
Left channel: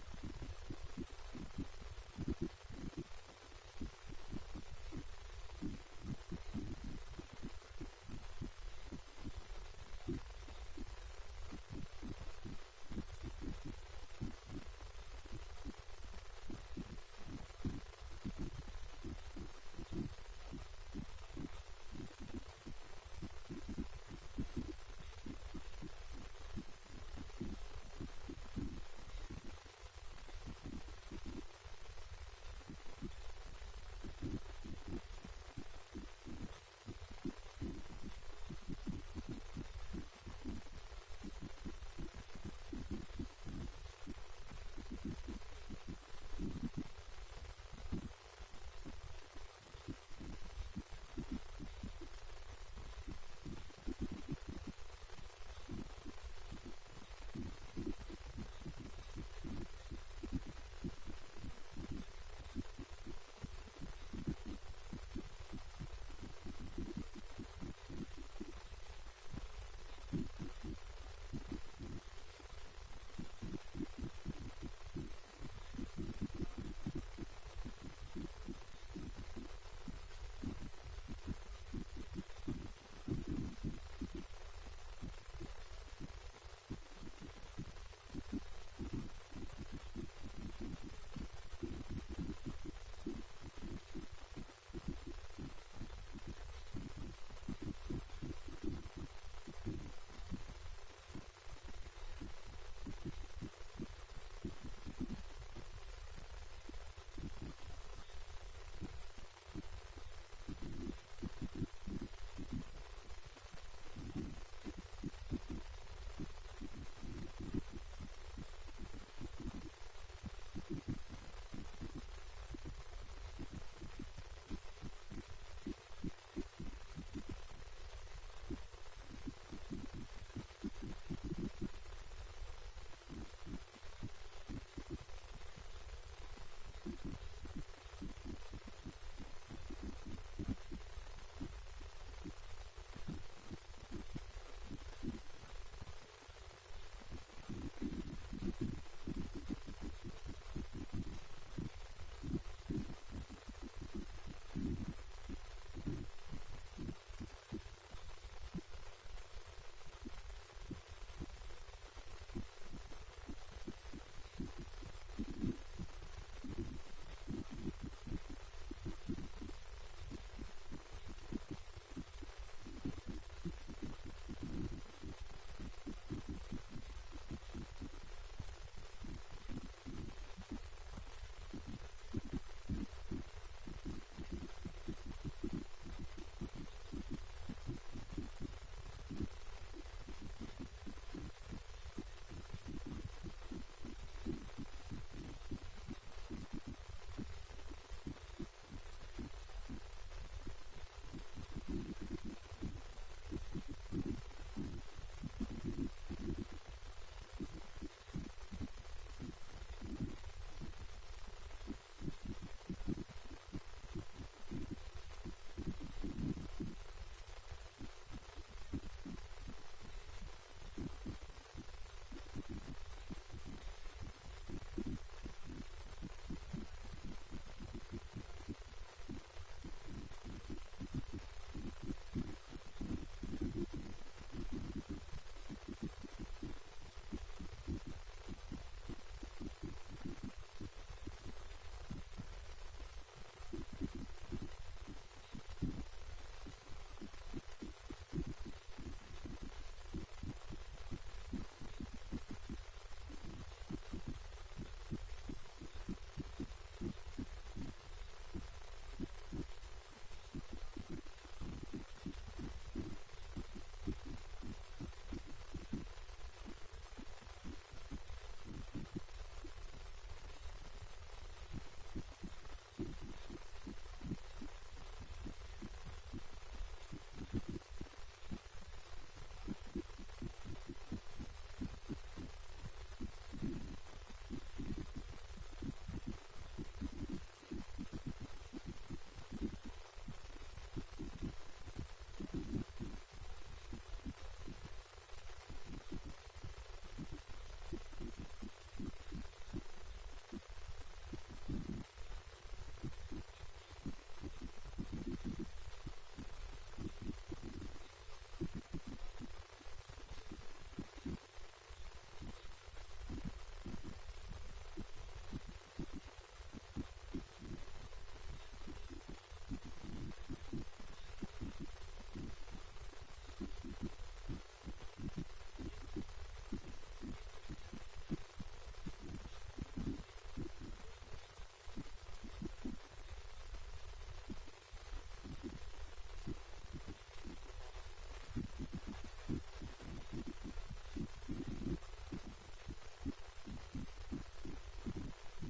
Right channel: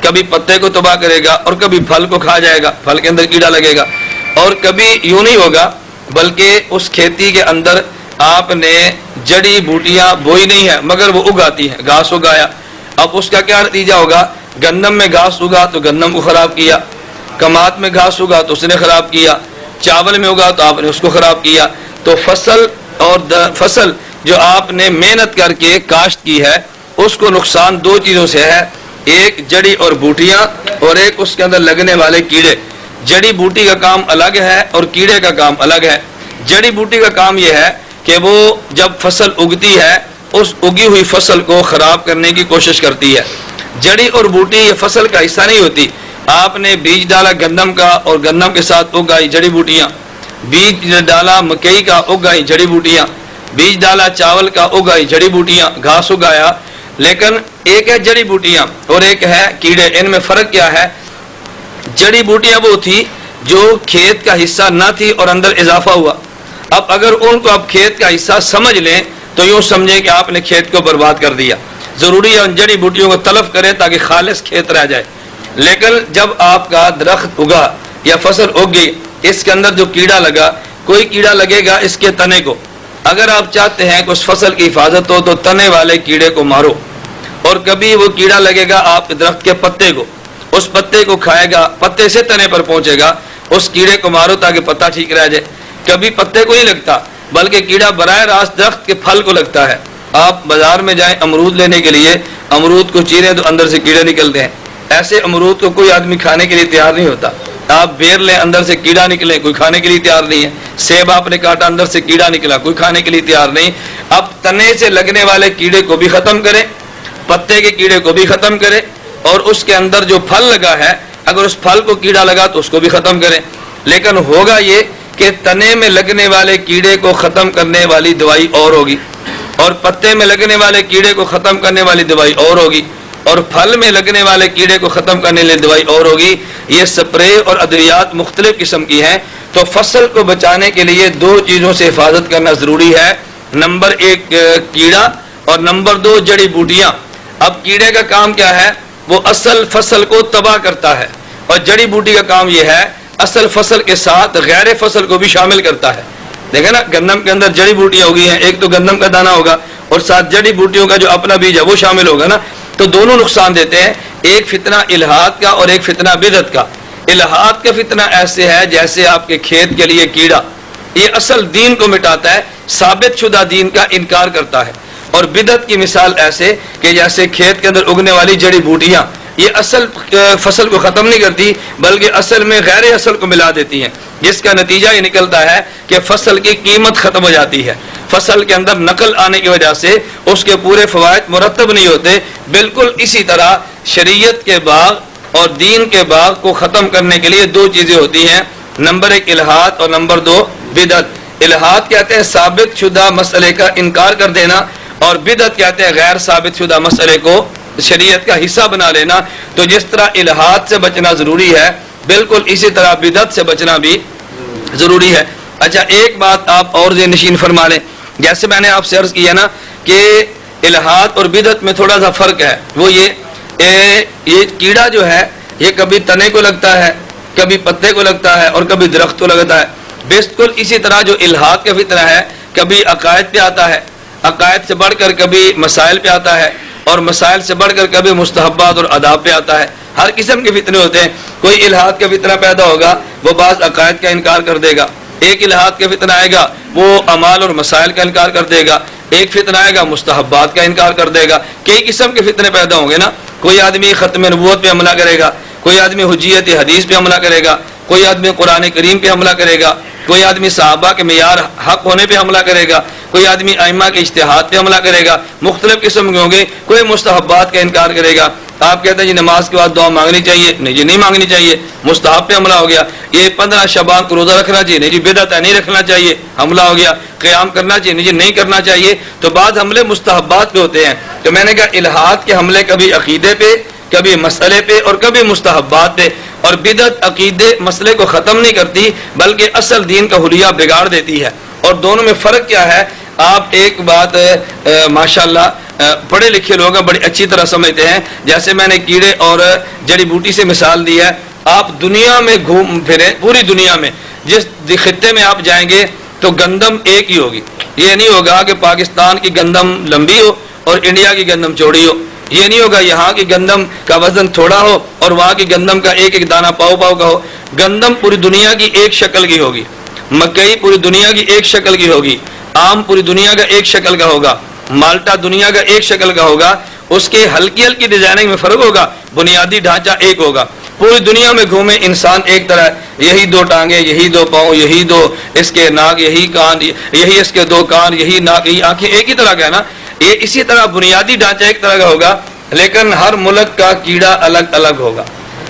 کبھی پتے کو تباہ کرے گا، اور کبھی پھل کو کھا جائے گا، پھل کے اندر کیڑا لگے گا. اور کبھی یوں نہیں ہوگا بلکہ اس کھیتی کے اندر آپ نے جڑی بوٹیاں بوئی نہیں ہے مگر وہ اگاتی ہیں، گھاس اگایا. اب اس کا کیا نتیجہ ہوگا؟ گندم میں گھاس اگا تو گندم کو خراب کیا، کمات میں گھاس اگا تو اس نے خراب کیا، چاول میں اگا تو آپ نے اس کو خراب کیا. تو فصل جو آپ نے محنت کر کے کاشت کی ہے اس کو نقصان دو چیزوں سے ہے، ایک جڑی اور بوٹیاں اور ایک اس کے اندر لگنے والے کیڑے. جڑی بوٹی کا کام الگ ہے اور کیڑے کا کام الگ ہے. جڑی بوٹی کا کام یہ ہے کہ وہ جب فصل اگتی ہے اس اگی ہوئی فصل کو خراب کرنے کی کوشش کرتی ہے. جڑی اور بوٹی یہ فصل کا حصہ نہیں ہوتی. آپ نے بیج ڈالا گندم کا اور گندم کے ساتھ اگائی جڑی بوٹیاں، بیج ڈالا مکئی کا اگائی جڑی بوٹیاں، بیج ڈالا چاول کا اگائی جڑی بوٹیاں، گھاس اگایا. لیکن ایک ہے جڑی بوٹیاں اور ایک ہے کیڑے. ان میں فرق کیا ہے؟ جڑی بوٹیاں وہ تھی جو کھیت کا حصہ نہ تھی اور اندر اضافہ ہوا. اب اگر ان کو اب کھیت کا حصہ سمجھ لیں تو یوں سمجھیں کہ آپ نے کھیت کو برباد کر دیا. ضروری ہے ان جڑی بوٹیوں کو تلف کریں تاکہ خالص کھیت رہ جائے. لیکن جب آپ کا درخت اگا یا فصل اگ گئی اس کے اندر جو کیڑا لگا، کوئی کیڑا لگے گا اس کے تنے کو. اگر آپ چاہتے ہیں کہ اس فصل کی حفاظت ہو تو تنے والے کیڑے کو مارو. اور کبھی وہ کیڑا لگے گا آپ کے درخت کے پتے کو، اس پتے کو کھائے گا، پتے سے تنے پر پہنچے گا اس کیڑے کو مارو تاکہ پتا ٹھیک رہ جائے۔ کبھی پتے کو نہیں لگتا بلکہ کیڑا براہ راست درخت کے پھل کو لگتا ہے۔ آپ بازار میں جائیں امرود لینے کے لیے، امرود کو چیریں تو اندر سے کیڑے نکلتے ہیں۔ ایسے امرود کو کوئی آدمی کھانے کے لیے تیار نہیں ہوتا۔ آپ بیر لیں اندر سے کیڑا نکلے، کوئی کھانے کے لیے تیار نہیں ہے۔ سیب آپ نے کاٹا اندر سے کیڑا نکلا، کوئی کھانے کے لیے تیار نہیں۔ اب تنے سے لگنے والے کیڑے کو بھی ختم کریں، پتے کے کیڑے کو بھی ختم کریں، اور اس کے اندر جو پھل لگا ہے اگر اس پھل کو کیڑا لگا تو اس کو بھی ختم کریں۔ لیکن ہوگا یہ کہ تنے میں لگنے والے کیڑے کو ختم کرنے والی دوائی اور ہوگی، اور پتے میں لگنے والے کیڑے کو ختم کرنے والی دوائی اور ہوگی، اور پھل میں لگنے والے کیڑے کو ختم کرنے والی دوائی اور ہوگی۔ یہ سپرے اور ادویات مختلف قسم کی ہیں۔ تو فصل کو بچانے کے لیے دو چیزوں سے حفاظت کرنا ضروری ہے، نمبر ایک کیڑا، اور نمبر دو جڑی بوٹیاں۔ اب کیڑے کا کام کیا ہے؟ وہ اصل فصل کو تباہ کرتا ہے، اور جڑی بوٹی کا کام یہ ہے اصل فصل کے ساتھ غیر فصل کو بھی شامل کرتا ہے۔ دیکھیں نا، گندم کے اندر جڑی بوٹیاں ہوگی ہیں، ایک تو گندم کا دانہ ہوگا اور ساتھ جڑی بوٹیوں کا جو اپنا بیج ہے وہ شامل ہوگا نا، تو دونوں نقصان دیتے ہیں، ایک فتنہ الحاد کا اور ایک فتنہ بدعت کا۔ الحاد کا فتنہ ایسے ہے جیسے آپ کے کھیت کے لیے کیڑا، یہ اصل دین کو مٹاتا ہے، ثابت شدہ دین کا انکار کرتا ہے۔ اور بدعت کی مثال ایسے کہ جیسے کھیت کے اندر اگنے والی جڑی بوٹیاں، یہ اصل فصل کو ختم نہیں کرتی بلکہ اصل میں غیر اصل کو ملا دیتی ہیں، جس کا نتیجہ یہ نکلتا ہے کہ فصل کی قیمت ختم ہو جاتی ہے، فصل کے اندر نقل آنے کی وجہ سے اس کے پورے فوائد مرتب نہیں ہوتے۔ بالکل اسی طرح شریعت کے باغ اور دین کے باغ کو ختم کرنے کے لیے دو چیزیں ہوتی ہیں، نمبر ایک الحاد اور نمبر دو بدعت۔ الحاد کہتے ہیں ثابت شدہ مسئلے کا انکار کر دینا، اور بدعت کہتے ہیں غیر ثابت شدہ مسئلے کو شریعت کا حصہ بنا لینا۔ تو جس طرح الحاد سے بچنا ضروری ہے، بالکل اسی طرح بدعت سے بچنا بھی ضروری ہے۔ اچھا، ایک بات آپ اور ذہن نشین فرما لیں، جیسے میں نے آپ سے عرض کیا نا کہ الحاد اور بدعت میں تھوڑا سا فرق ہے، وہ یہ کیڑا جو ہے یہ کبھی تنے کو لگتا ہے، کبھی پتے کو لگتا ہے، اور کبھی درخت کو لگتا ہے۔ بالکل اسی طرح جو الحاد کا فتنہ ہے کبھی عقائد پہ آتا ہے، عقائد سے بڑھ کر کبھی مسائل پہ آتا ہے، اور مسائل سے بڑھ کر کبھی مستحبات اور آداب پہ آتا ہے۔ ہر قسم کے فتنے ہوتے ہیں۔ کوئی الحاد کا فتنہ پیدا ہوگا، وہ بعض عقائد کا انکار کر دے گا۔ ایک الحاد کا فتنہ آئے گا، وہ اعمال اور مسائل کا انکار کر دے گا۔ ایک فتنہ آئے گا، مستحبات کا انکار کر دے گا۔ کئی قسم کے فتنے پیدا ہوں گے نا۔ کوئی آدمی ختم نبوت پہ حملہ کرے گا، کوئی آدمی حجیت حدیث پہ حملہ کرے گا، کوئی آدمی قرآن کریم پہ حملہ کرے گا، کوئی آدمی صحابہ کے معیار حق ہونے پہ حملہ کرے گا، کوئی آدمی ائمہ کے اجتہاد پہ حملہ کرے گا۔ مختلف قسم کے ہوں گے۔ کوئی مستحبات کا انکار کرے گا، آپ کہتے ہیں جی نماز کے بعد دعا مانگنی چاہیے، نہیں جی نہیں مانگنی چاہیے، مستحب پہ حملہ ہو گیا۔ یہ 15 شعبان کو روزہ رکھنا چاہیے، نہیں جی بدعت ہے نہیں رکھنا چاہیے، حملہ ہو گیا۔ قیام کرنا چاہیے، نہیں جی نہیں کرنا چاہیے۔ تو بعض حملے مستحبات پہ ہوتے ہیں۔ تو میں نے کہا الحاد کے حملے کبھی عقیدے پہ، کبھی مسئلے پہ، اور کبھی مستحبات پہ۔ اور بدعت عقیدے مسئلے کو ختم نہیں کرتی بلکہ اصل دین کا حلیہ بگاڑ دیتی ہے۔ اور دونوں میں فرق کیا ہے؟ آپ ایک بات ماشاءاللہ پڑھے لکھے لوگ بڑی اچھی طرح سمجھتے ہیں۔ جیسے میں نے کیڑے اور جڑی بوٹی سے مثال دی ہے، آپ دنیا میں گھوم پھریں، پوری دنیا میں جس خطے میں آپ جائیں گے تو گندم ایک ہی ہوگی۔ یہ نہیں ہوگا کہ پاکستان کی گندم لمبی ہو اور انڈیا کی گندم چوڑی ہو، یہ نہیں ہوگا یہاں کی گندم کا وزن تھوڑا ہو اور وہاں کی گندم کا ایک ایک دانہ پاؤ پاؤ کا ہو۔ گندم پوری دنیا کی ایک شکل کی ہوگی، مکئی پوری دنیا کی ایک شکل کی ہوگی، آم پوری دنیا کا ایک شکل کا ہوگا، مالٹا دنیا کا ایک شکل کا ہوگا۔ اس کے ہلکی ہلکی ڈیزائننگ میں فرق ہوگا، بنیادی ڈھانچہ ایک ہوگا۔ پوری دنیا میں گھومے انسان ایک طرح ہے، یہی دو ٹانگیں، یہی دو پاؤں، یہی دو اس کے ناک، یہی کان، یہی اس کے دو کان، یہی ناک، یہی آنکھیں، ایک ہی طرح کا ہے نا۔ یہ اسی طرح بنیادی ڈھانچہ ایک طرح کا ہوگا، لیکن ہر ملک کا کیڑا الگ الگ ہوگا،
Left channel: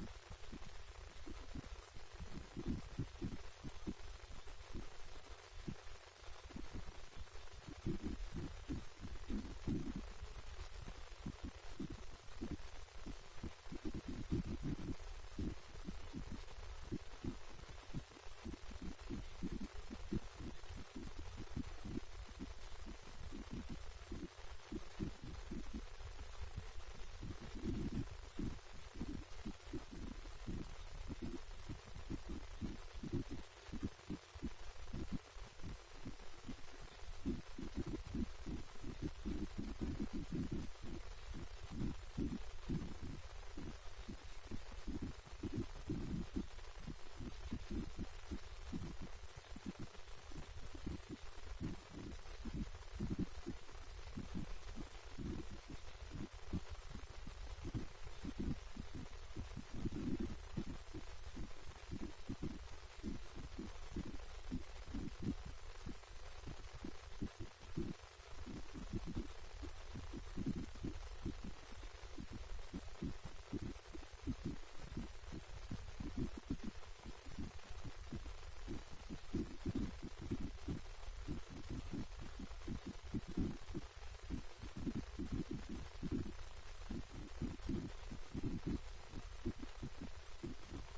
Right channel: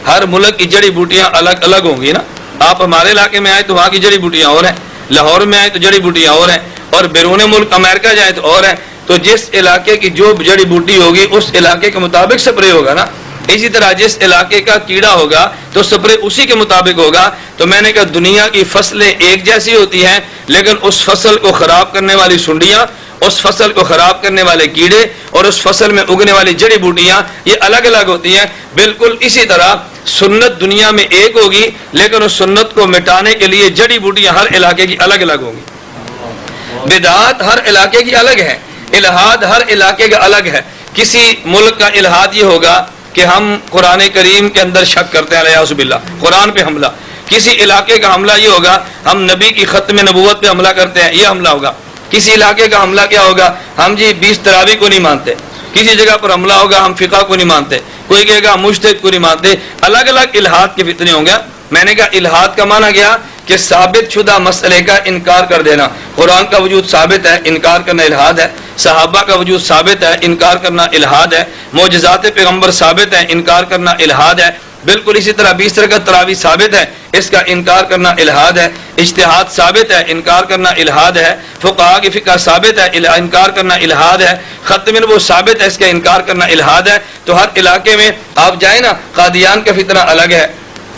ہر ملک کی جڑی بوٹیاں الگ الگ ہوں گی نا۔ آپ ہمارے علاقے میں آئے تو وہاں کی جڑی بوٹیاں اور ہیں، لاہور میں آئے تو جڑی بوٹیاں اور ہیں، اور بیرون ملک امریکہ جائیں تو اور ہیں۔ تو جس علاقے کی جو جڑی بوٹی ہوگی اس علاقے کے مطابق سپرے ہوگا نا۔ اسی طرح جس علاقے کا کیڑا ہوگا تو سپرے اسی کے مطابق ہوگا۔ تو میں نے کہا دنیا کی فصلیں ایک جیسی ہوتی ہیں، لیکن اس فصل کو خراب کرنے والی سنڈیاں، اس فصل کو خراب کرنے والے کیڑے اور اس فصل میں اگنے والی جڑی بوٹیاں یہ الگ الگ ہوتی ہیں۔ بالکل اسی طرح سنت دنیا میں ایک ہوگی، لیکن اس سنت کو مٹانے کے لیے جڑی بوٹیاں ہر علاقے کی الگ الگ ہوں گی۔ بدعات ہر علاقے کی الگ ہے، الحاد ہر علاقے کا الگ ہے۔ کسی ملک کا الحاد یہ ہوگا کہ ہم قرآن کریم کے اندر شک کرتے ہیں، الیاذ باللہ، قرآن پہ حملہ۔ کسی علاقے کا حملہ یہ ہوگا ہم نبی کی ختم نبوت پہ حملہ کرتے ہیں، یہ حملہ ہوگا. کسی علاقے کا حملہ کیا ہوگا، ہم جی 20 تراویح کو نہیں مانتے. کسی جگہ پر حملہ ہوگا ہم فقہ کو نہیں مانتے. کوئی کہے گا مجتہد کو نہیں مانتے. الگ الگ الہاد کے فتنے ہوں گے. میں نے کہا الہاد کا معنی گیا کہ ثابت شدہ مسئلے کا انکار کر دینا. قرآن کا وجود ثابت ہے، انکار کرنا الہاد ہے. صحابہ کا وجود ثابت ہے، انکار کرنا الہاد ہے. معجزات پیغمبر ثابت ہے، انکار کرنا الہاد ہے. بالکل اسی طرح 20 رکعت تراویح ثابت ہے، اس کا انکار کرنا الہاد ہے. اجتہاد ثابت ہے، انکار کرنا الہاد ہے. فقہا کی فقہ ثابت ہے، انکار کرنا الہاد ہے. ختم نبوت ثابت ہے، اس کا انکار کرنا الہاد ہے. تو ہر علاقے میں آپ جائیں نا، قادیان کا فتنہ الگ ہے،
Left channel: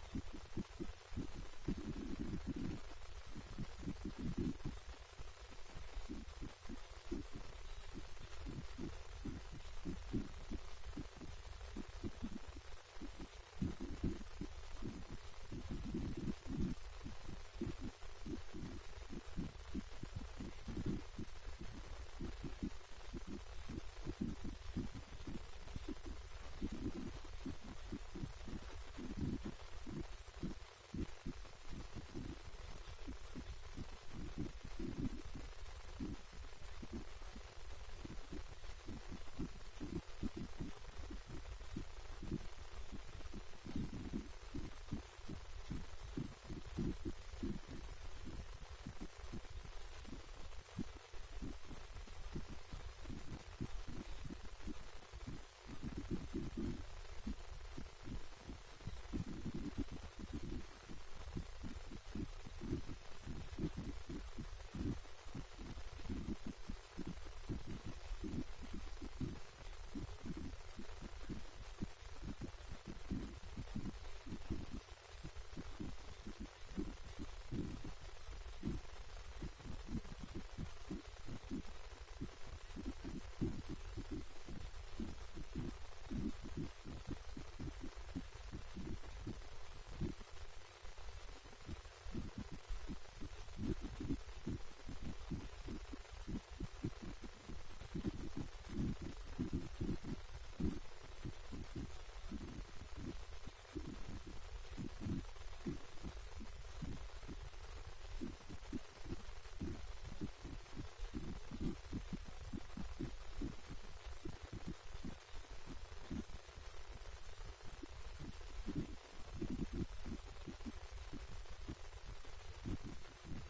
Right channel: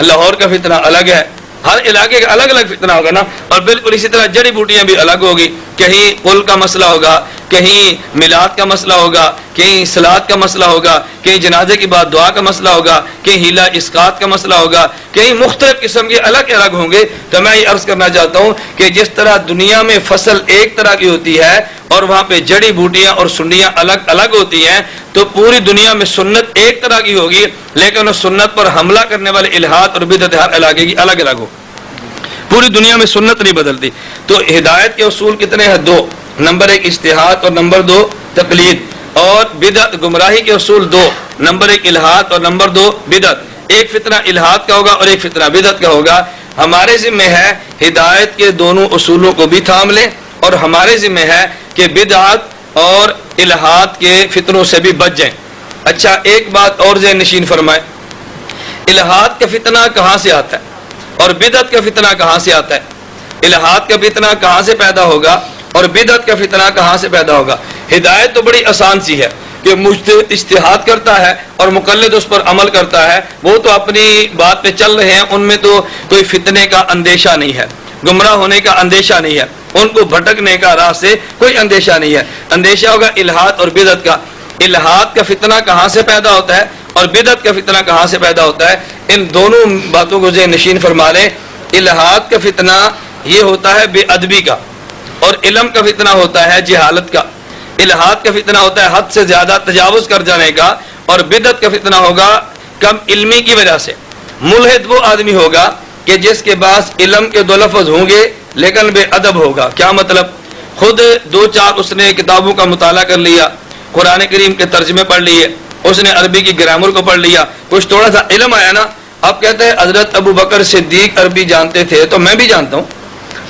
لاہور کا فتنہ الگ ہے. ہر علاقے کا الگ الگ فتنہ ہوگا نا. اور بالکل اسی طرح جڑی بوٹیاں بھی الگ ہوگی. کہیں قل کا مسئلہ ہوگا، کہیں میلاد کا مسئلہ ہوگا، کہیں صلات کا مسئلہ ہوگا، کہیں جنازے کی بعد دعا کا مسئلہ ہوگا، کہیں ہیلا اسقاط کا مسئلہ ہوگا، کہیں مختلف قسم کے الگ الگ ہوں گے. تو میں یہ عرض کرنا چاہتا ہوں کہ جس طرح دنیا میں فصل ایک طرح کی ہوتی ہے اور وہاں پہ جڑی بوٹیاں اور سنیاں الگ الگ ہوتی ہیں، تو پوری دنیا میں سنت ایک طرح کی ہوگی، لیکن اس سنت پر حملہ کرنے والے الہاد اور بدعت ہر علاقے کی الگ الگ ہو. پوری دنیا میں سنت نہیں بدلتی. تو ہدایت کے اصول کتنے ہیں؟ 2. نمبر 1 اجتہاد اور نمبر 2 تقلید. اور بدعت گمراہی کے اصول 2. نمبر 1 الہاد اور نمبر 2 بدعت. ایک فتنہ الہاد کا ہوگا اور ایک فتنہ بدعت کا ہوگا. ہمارے ذمہ ہے ہدایت کے دونوں اصولوں کو بھی تھام لیں، اور ہمارے ذمہ ہے کہ بدعت اور الہاد کے فتنوں سے بھی بچ جائیں. اچھا ایک بات اور ذہن نشین فرمائے، الہاد کا فتنہ کہاں سے آتا ہے اور بدعت کا فتنہ کہاں سے آتا ہے؟ الہاد کا فتنہ کہاں سے پیدا ہوگا اور بدعت کا فتنہ کہاں سے پیدا ہوگا؟ ہدایت تو بڑی آسان سی ہے کہ مجتہد اجتہاد کرتا ہے اور مقلد اس پر عمل کرتا ہے، وہ تو اپنی بات پہ چل رہے ہیں، ان میں تو کوئی فتنے کا اندیشہ نہیں ہے، گمراہ ہونے کا اندیشہ نہیں ہے، ان کو بھٹکنے کا راہ سے کوئی اندیشہ نہیں ہے. اندیشہ ہوگا الہاد اور بدعت کا. الہاد کا فتنہ کہاں سے پیدا ہوتا ہے اور بدعت کا فتنہ کہاں سے پیدا ہوتا ہے؟ ان دونوں باتوں کو ذہن نشین فرما لیں. الہاد کا فتنہ یہ ہوتا ہے بے ادبی کا، اور علم کا فتنہ ہوتا ہے جہالت کا. الہاد کا فتنہ ہوتا ہے حد سے زیادہ تجاوز کر جانے کا، اور بدعت کا فتنہ ہوگا کم علمی کی وجہ سے. ملحد وہ آدمی ہوگا کہ جس کے پاس علم کے 2 لفظ ہوں گے لیکن بے ادب ہوگا. کیا مطلب؟ خود 2-4 اس نے کتابوں کا مطالعہ کر لیا، قرآن کریم کے ترجمے پڑھ لیے، اس نے عربی کی گرامر کو پڑھ لیا، کچھ تھوڑا سا علم آیا نا. اب کہتے ہیں حضرت ابو بکر صدیق عربی جانتے تھے تو میں بھی جانتا ہوں.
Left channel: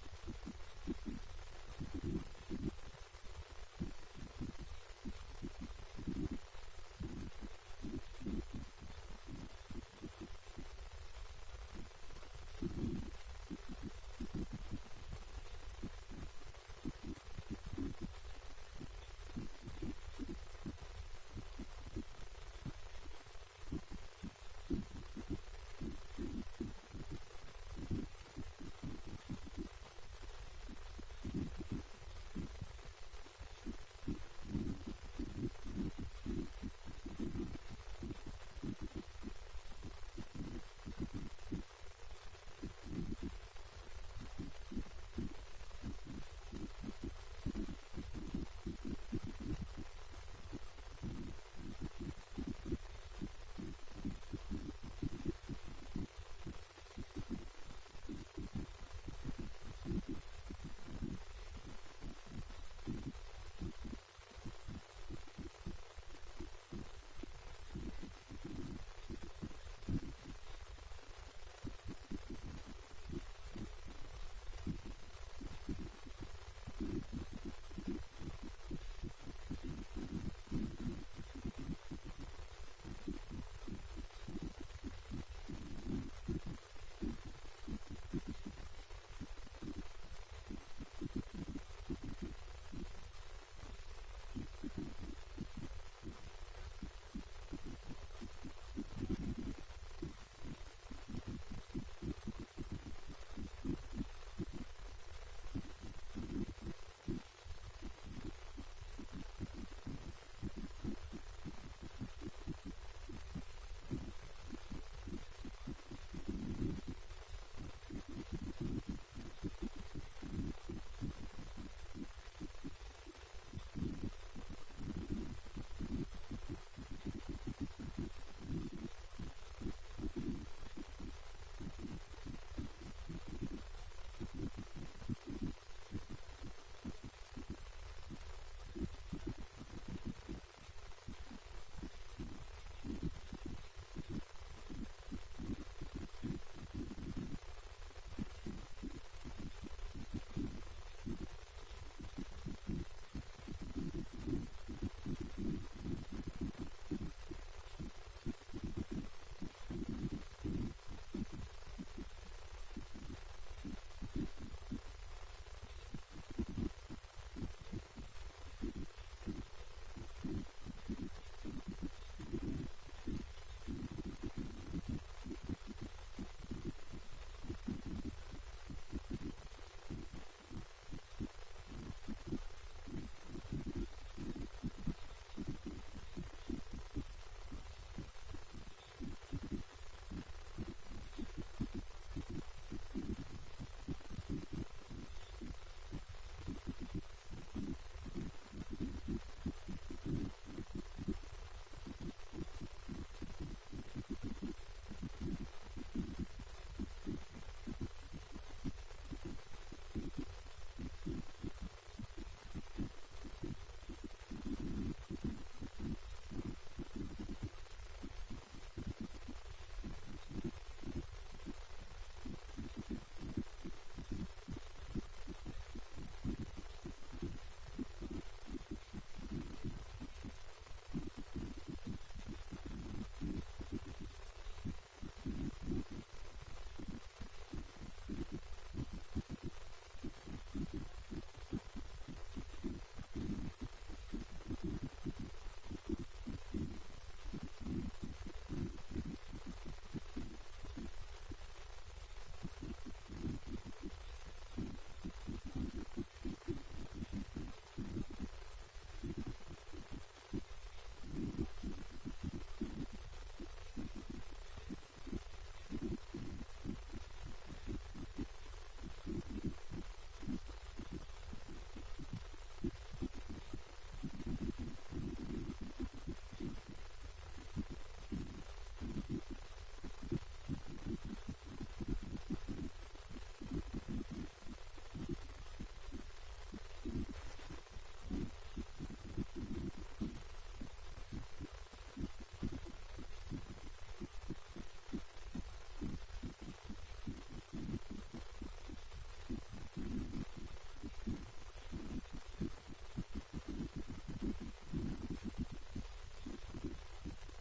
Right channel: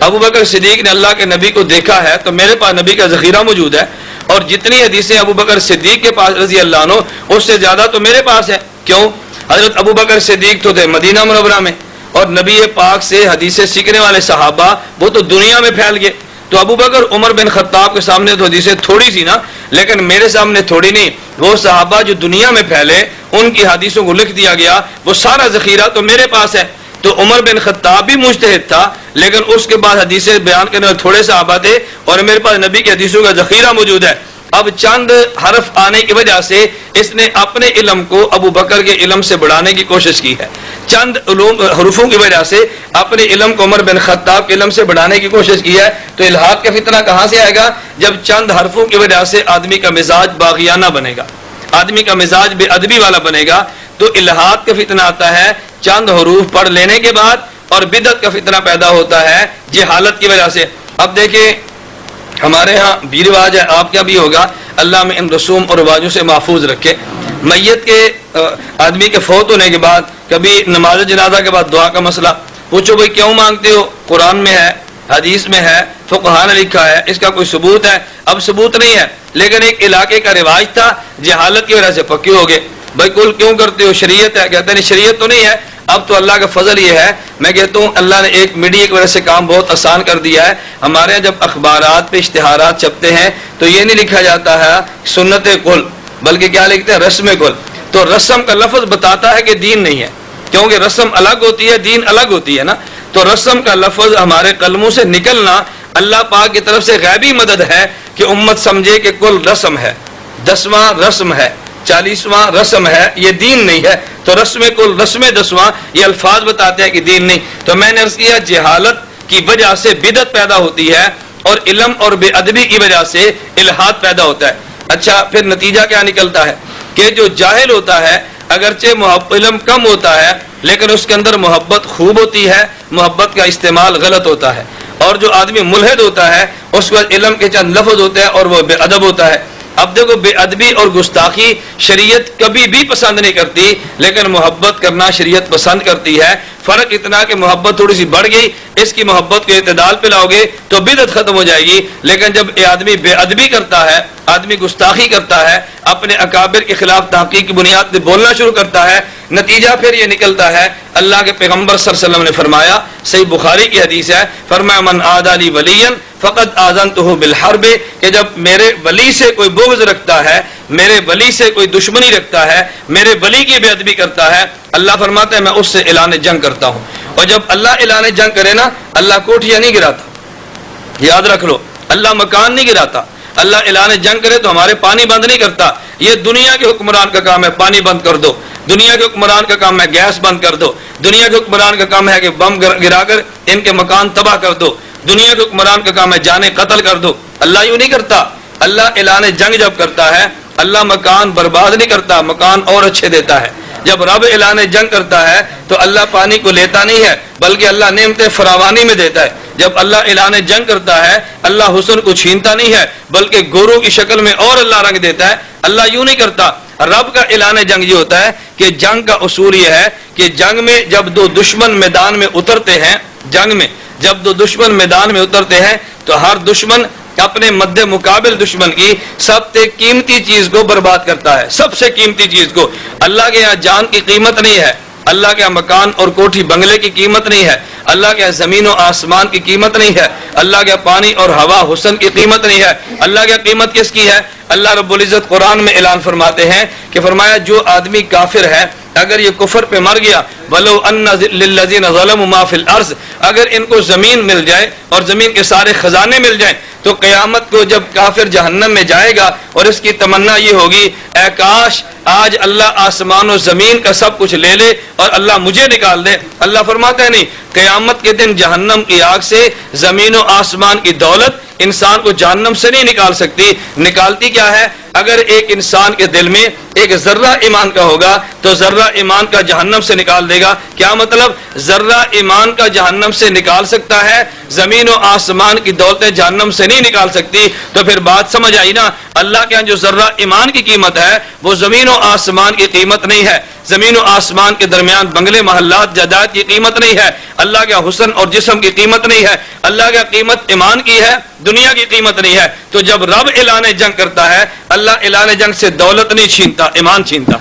ابو بکر صدیق نے اللہ کے نبی کو دیکھا ہے تو میرے پاس نبی کا ذخیرہ موجود ہے، اور جتنی حدیثیں ابو بکر صدیق کے پاس رضی اللہ عنہ اس سے زیادہ تو میرے پاس ہے. کیوں؟ حضرت ابو بکر صدیق تو تھے مدینہ منورہ میں، اور نبی پاک سے حدیثیں سیکھنے والے صحابہ وہ تو دنیا میں پھیل گئے. تو ابو بکر عمر بن خطاب کے سامنے تو حدیثیں تھوڑی سی نا، لیکن میرے سامنے تھوڑی نہیں. وہ صحابہ جو دنیا میں پھیلے ان کی حدیثوں کو لکھ دیا گیا، وہ سارا ذخیرہ تو میرے پاس ہے. تو عمر بن خطاب بھی مجتہد تھا، لیکن اس کے بعد حدیثیں بیان کرنے والے تھوڑے صحابہ تھے، اور میرے پاس نبی کی حدیثوں کا ذخیرہ موجود ہے. اب چند حرف آنے کی وجہ سے اس نے اپنے علم کو ابو بکر کے علم سے بڑھانے کی کوشش کی ہے. چند حروفوں کی وجہ سے اپنے علم کو عمر بن خطاب کے علم سے بڑھانے کی کوشش کی ہے. تو الہاد کا فتنہ کہاں سے آئے گا؟ جب چند حرفوں کی وجہ سے آدمی کا مزاج باغیانہ بنے گا، آدمی کا مزاج بے ادبی والا بنے گا. تو الہاد کا فتنہ آتا ہے چند حروف پڑھ لینے کے بعد، اور بدعت کا فتنہ پیدا ہوتا ہے جہالت کی وجہ سے. اب دیکھیں ہمارے ہاں بھی رواج ہے، آپ کیا بھی ہوگا، اللہ میں ان رسوم اور رواجوں سے محفوظ رکھے. میت کے آدمی کے فوت ہونے کے بعد کبھی نماز جنازہ کے بعد دعا کا مسئلہ پوچھو، بھائی کیوں مانگتے ہو؟ قرآن میں ہے، حدیث میں ہے، فقہا نے لکھا ہے، اس کا کوئی ثبوت ہے؟ اب ثبوت نہیں ہے، لیکن ایک علاقے کا رواج تھا، جہالت کی وجہ سے پکے ہو گئے. بھائی کل کیوں کرتے ہو؟ شریعت ہے. کہتے ہیں شریعت تو نہیں ہے. اب تو اللہ کا فضل یہ ہے، میں کہتا ہوں اللہ نے ایک میڈیا کی وجہ سے کام بہت آسان کر دیا ہے. ہمارے یہاں جب اخبارات پہ اشتہارات چھپتے ہیں تو یہ نہیں لکھا جاتا ہے سنت کل، بلکہ کیا لکھتے ہیں؟ رسم کل. تو رسم کا لفظ بتاتا ہے کہ دین نہیں ہے، کیونکہ رسم الگ ہوتی ہے، دین الگ ہوتی ہے نا. تو رسم کا لفظ ہمارے قلموں سے نکلنا اللہ پاک کی طرف سے غیبی مدد ہے کہ امت سمجھے کہ کل رسم ہے، 10واں رسم ہے، 40واں رسم ہے، یہ دین نہیں ہے. تو رسم کل، رسم 10واں، یہ الفاظ بتاتے ہیں کہ دین نہیں. تو میں نے عرض کیا جہالت کی وجہ سے بدعت پیدا ہوتی ہے، اور علم اور بے ادبی کی وجہ سے الہاد پیدا ہوتا ہے. اچھا پھر نتیجہ کیا نکلتا ہے کہ جو جاہل ہوتا ہے اگرچہ علم کم ہوتا ہے لیکن اس کے اندر محبت خوب ہوتی ہے، محبت کا استعمال غلط ہوتا ہے۔ اور جو آدمی ملحد ہوتا ہے اس کے بعد علم کے چند لفظ ہوتے ہیں اور وہ بے ادب ہوتا ہے۔ اب دیکھو، بے ادبی اور گستاخی شریعت کبھی بھی پسند نہیں کرتی، لیکن محبت کرنا شریعت پسند کرتی ہے۔ فرق اتنا کہ محبت تھوڑی سی بڑھ گئی، اس کی محبت کو اعتدال پہ لاؤ گے تو بدعت ختم ہو جائے گی۔ لیکن جب یہ آدمی بے ادبی کرتا ہے، آدمی گستاخی کرتا ہے، اپنے اکابر کے خلاف تحقیق کی بنیاد پہ بولنا شروع کرتا ہے، نتیجہ پھر یہ نکلتا ہے، اللہ کے پیغمبر صلی اللہ علیہ وسلم نے فرمایا، صحیح بخاری کی حدیث ہے، فرمایا من عادی لی ولیا فقد آذنتہ بالحرب، کہ جب میرے ولی سے کوئی بغض رکھتا ہے، میرے ولی سے کوئی دشمنی رکھتا ہے، میرے ولی کی بے ادبی کرتا ہے، اللہ فرماتا ہے میں اس سے اعلان جنگ کرتا ہوں۔ اور جب اللہ اعلان جنگ کرے نا، اللہ کوٹھیاں نہیں گراتا، یاد رکھ لو، اللہ مکان نہیں گراتا۔ اللہ اعلان جنگ کرے تو ہمارے پانی بند نہیں کرتا، یہ دنیا کے حکمران کا کام ہے پانی بند کر دو، دنیا کے حکمران کا کام ہے گیس بند کر دو، دنیا کے حکمران کا کام ہے کہ بم گرا کر ان کے مکان تباہ کر دو، دنیا کے حکمران کا کام ہے جانے قتل کر دو۔ اللہ یوں نہیں کرتا۔ اللہ اعلان جنگ جب کرتا ہے، اللہ مکان برباد نہیں کرتا، مکان اور اچھے دیتا ہے۔ جب رب اعلان جنگ کرتا ہے تو اللہ پانی کو لیتا نہیں ہے، بلکہ اللہ نعمتیں فراوانی میں دیتا ہے۔ جب اللہ اعلان جنگ کرتا ہے، اللہ حسن کو چھینتا نہیں ہے، بلکہ گورو کی شکل میں اور اللہ رنگ دیتا ہے۔ اللہ یوں نہیں کرتا۔ رب کا اعلان جنگ یہ ہوتا ہے کہ جنگ کا اصول یہ ہے کہ جنگ میں جب دو دشمن میدان میں اترتے ہیں، جنگ میں جب دو دشمن میدان میں اترتے ہیں تو ہر دشمن اپنے مد مقابل دشمن کی سب سے قیمتی چیز کو برباد کرتا ہے، سب سے قیمتی چیز کو۔ اللہ کے یہاں جان کی قیمت نہیں ہے، اللہ کے یہاں مکان اور کوٹھی بنگلے کی قیمت نہیں ہے، اللہ کے یہاں زمین و آسمان کی قیمت نہیں ہے، اللہ کے یہاں پانی اور ہوا حسن کی قیمت نہیں ہے۔ اللہ کے یہاں قیمت کس کی ہے؟ اللہ رب العزت قرآن میں اعلان فرماتے ہیں کہ فرمایا جو آدمی کافر ہے، اگر یہ کفر پہ مر گیا، وَلَوْ أَنَّ لِلَّذِينَ ظَلَمُوا مَا فِي الْأَرْضِ، اگر ان کو زمین مل جائے اور زمین کے سارے خزانے مل جائیں تو قیامت کو جب کافر جہنم میں جائے گا اور اس کی تمنا یہ ہوگی، اے کاش آج اللہ آسمان و زمین کا سب کچھ لے لے اور اللہ مجھے نکال دے۔ اللہ فرماتا ہے نہیں، قیامت کے دن جہنم کی آگ سے زمین و آسمان کی دولت انسان کو جہنم سے نہیں نکال سکتی۔ نکالتی کیا ہے؟ اگر ایک انسان کے دل میں ایک ذرہ ایمان کا ہوگا تو ذرہ ایمان کا جہنم سے نکال دے گا۔ کیا مطلب؟ ذرہ ایمان کا جہنم سے نکال سکتا ہے، زمین و آسمان کی دولتیں جہنم سے نہیں نکال سکتی۔ تو پھر بات سمجھ آئی نا، اللہ کے یہاں جو ذرہ ایمان کی قیمت ہے وہ زمین و آسمان کی قیمت نہیں ہے، زمین و آسمان کے درمیان بنگلے محلات جائیداد کی قیمت نہیں ہے، اللہ کے حسن اور جسم کی قیمت نہیں ہے، اللہ کا قیمت ایمان کی ہے، دنیا کی قیمت نہیں ہے۔ تو جب رب اعلان جنگ کرتا ہے، اللہ اعلان جنگ سے دولت نہیں چھینتا، ایمان چھینتا۔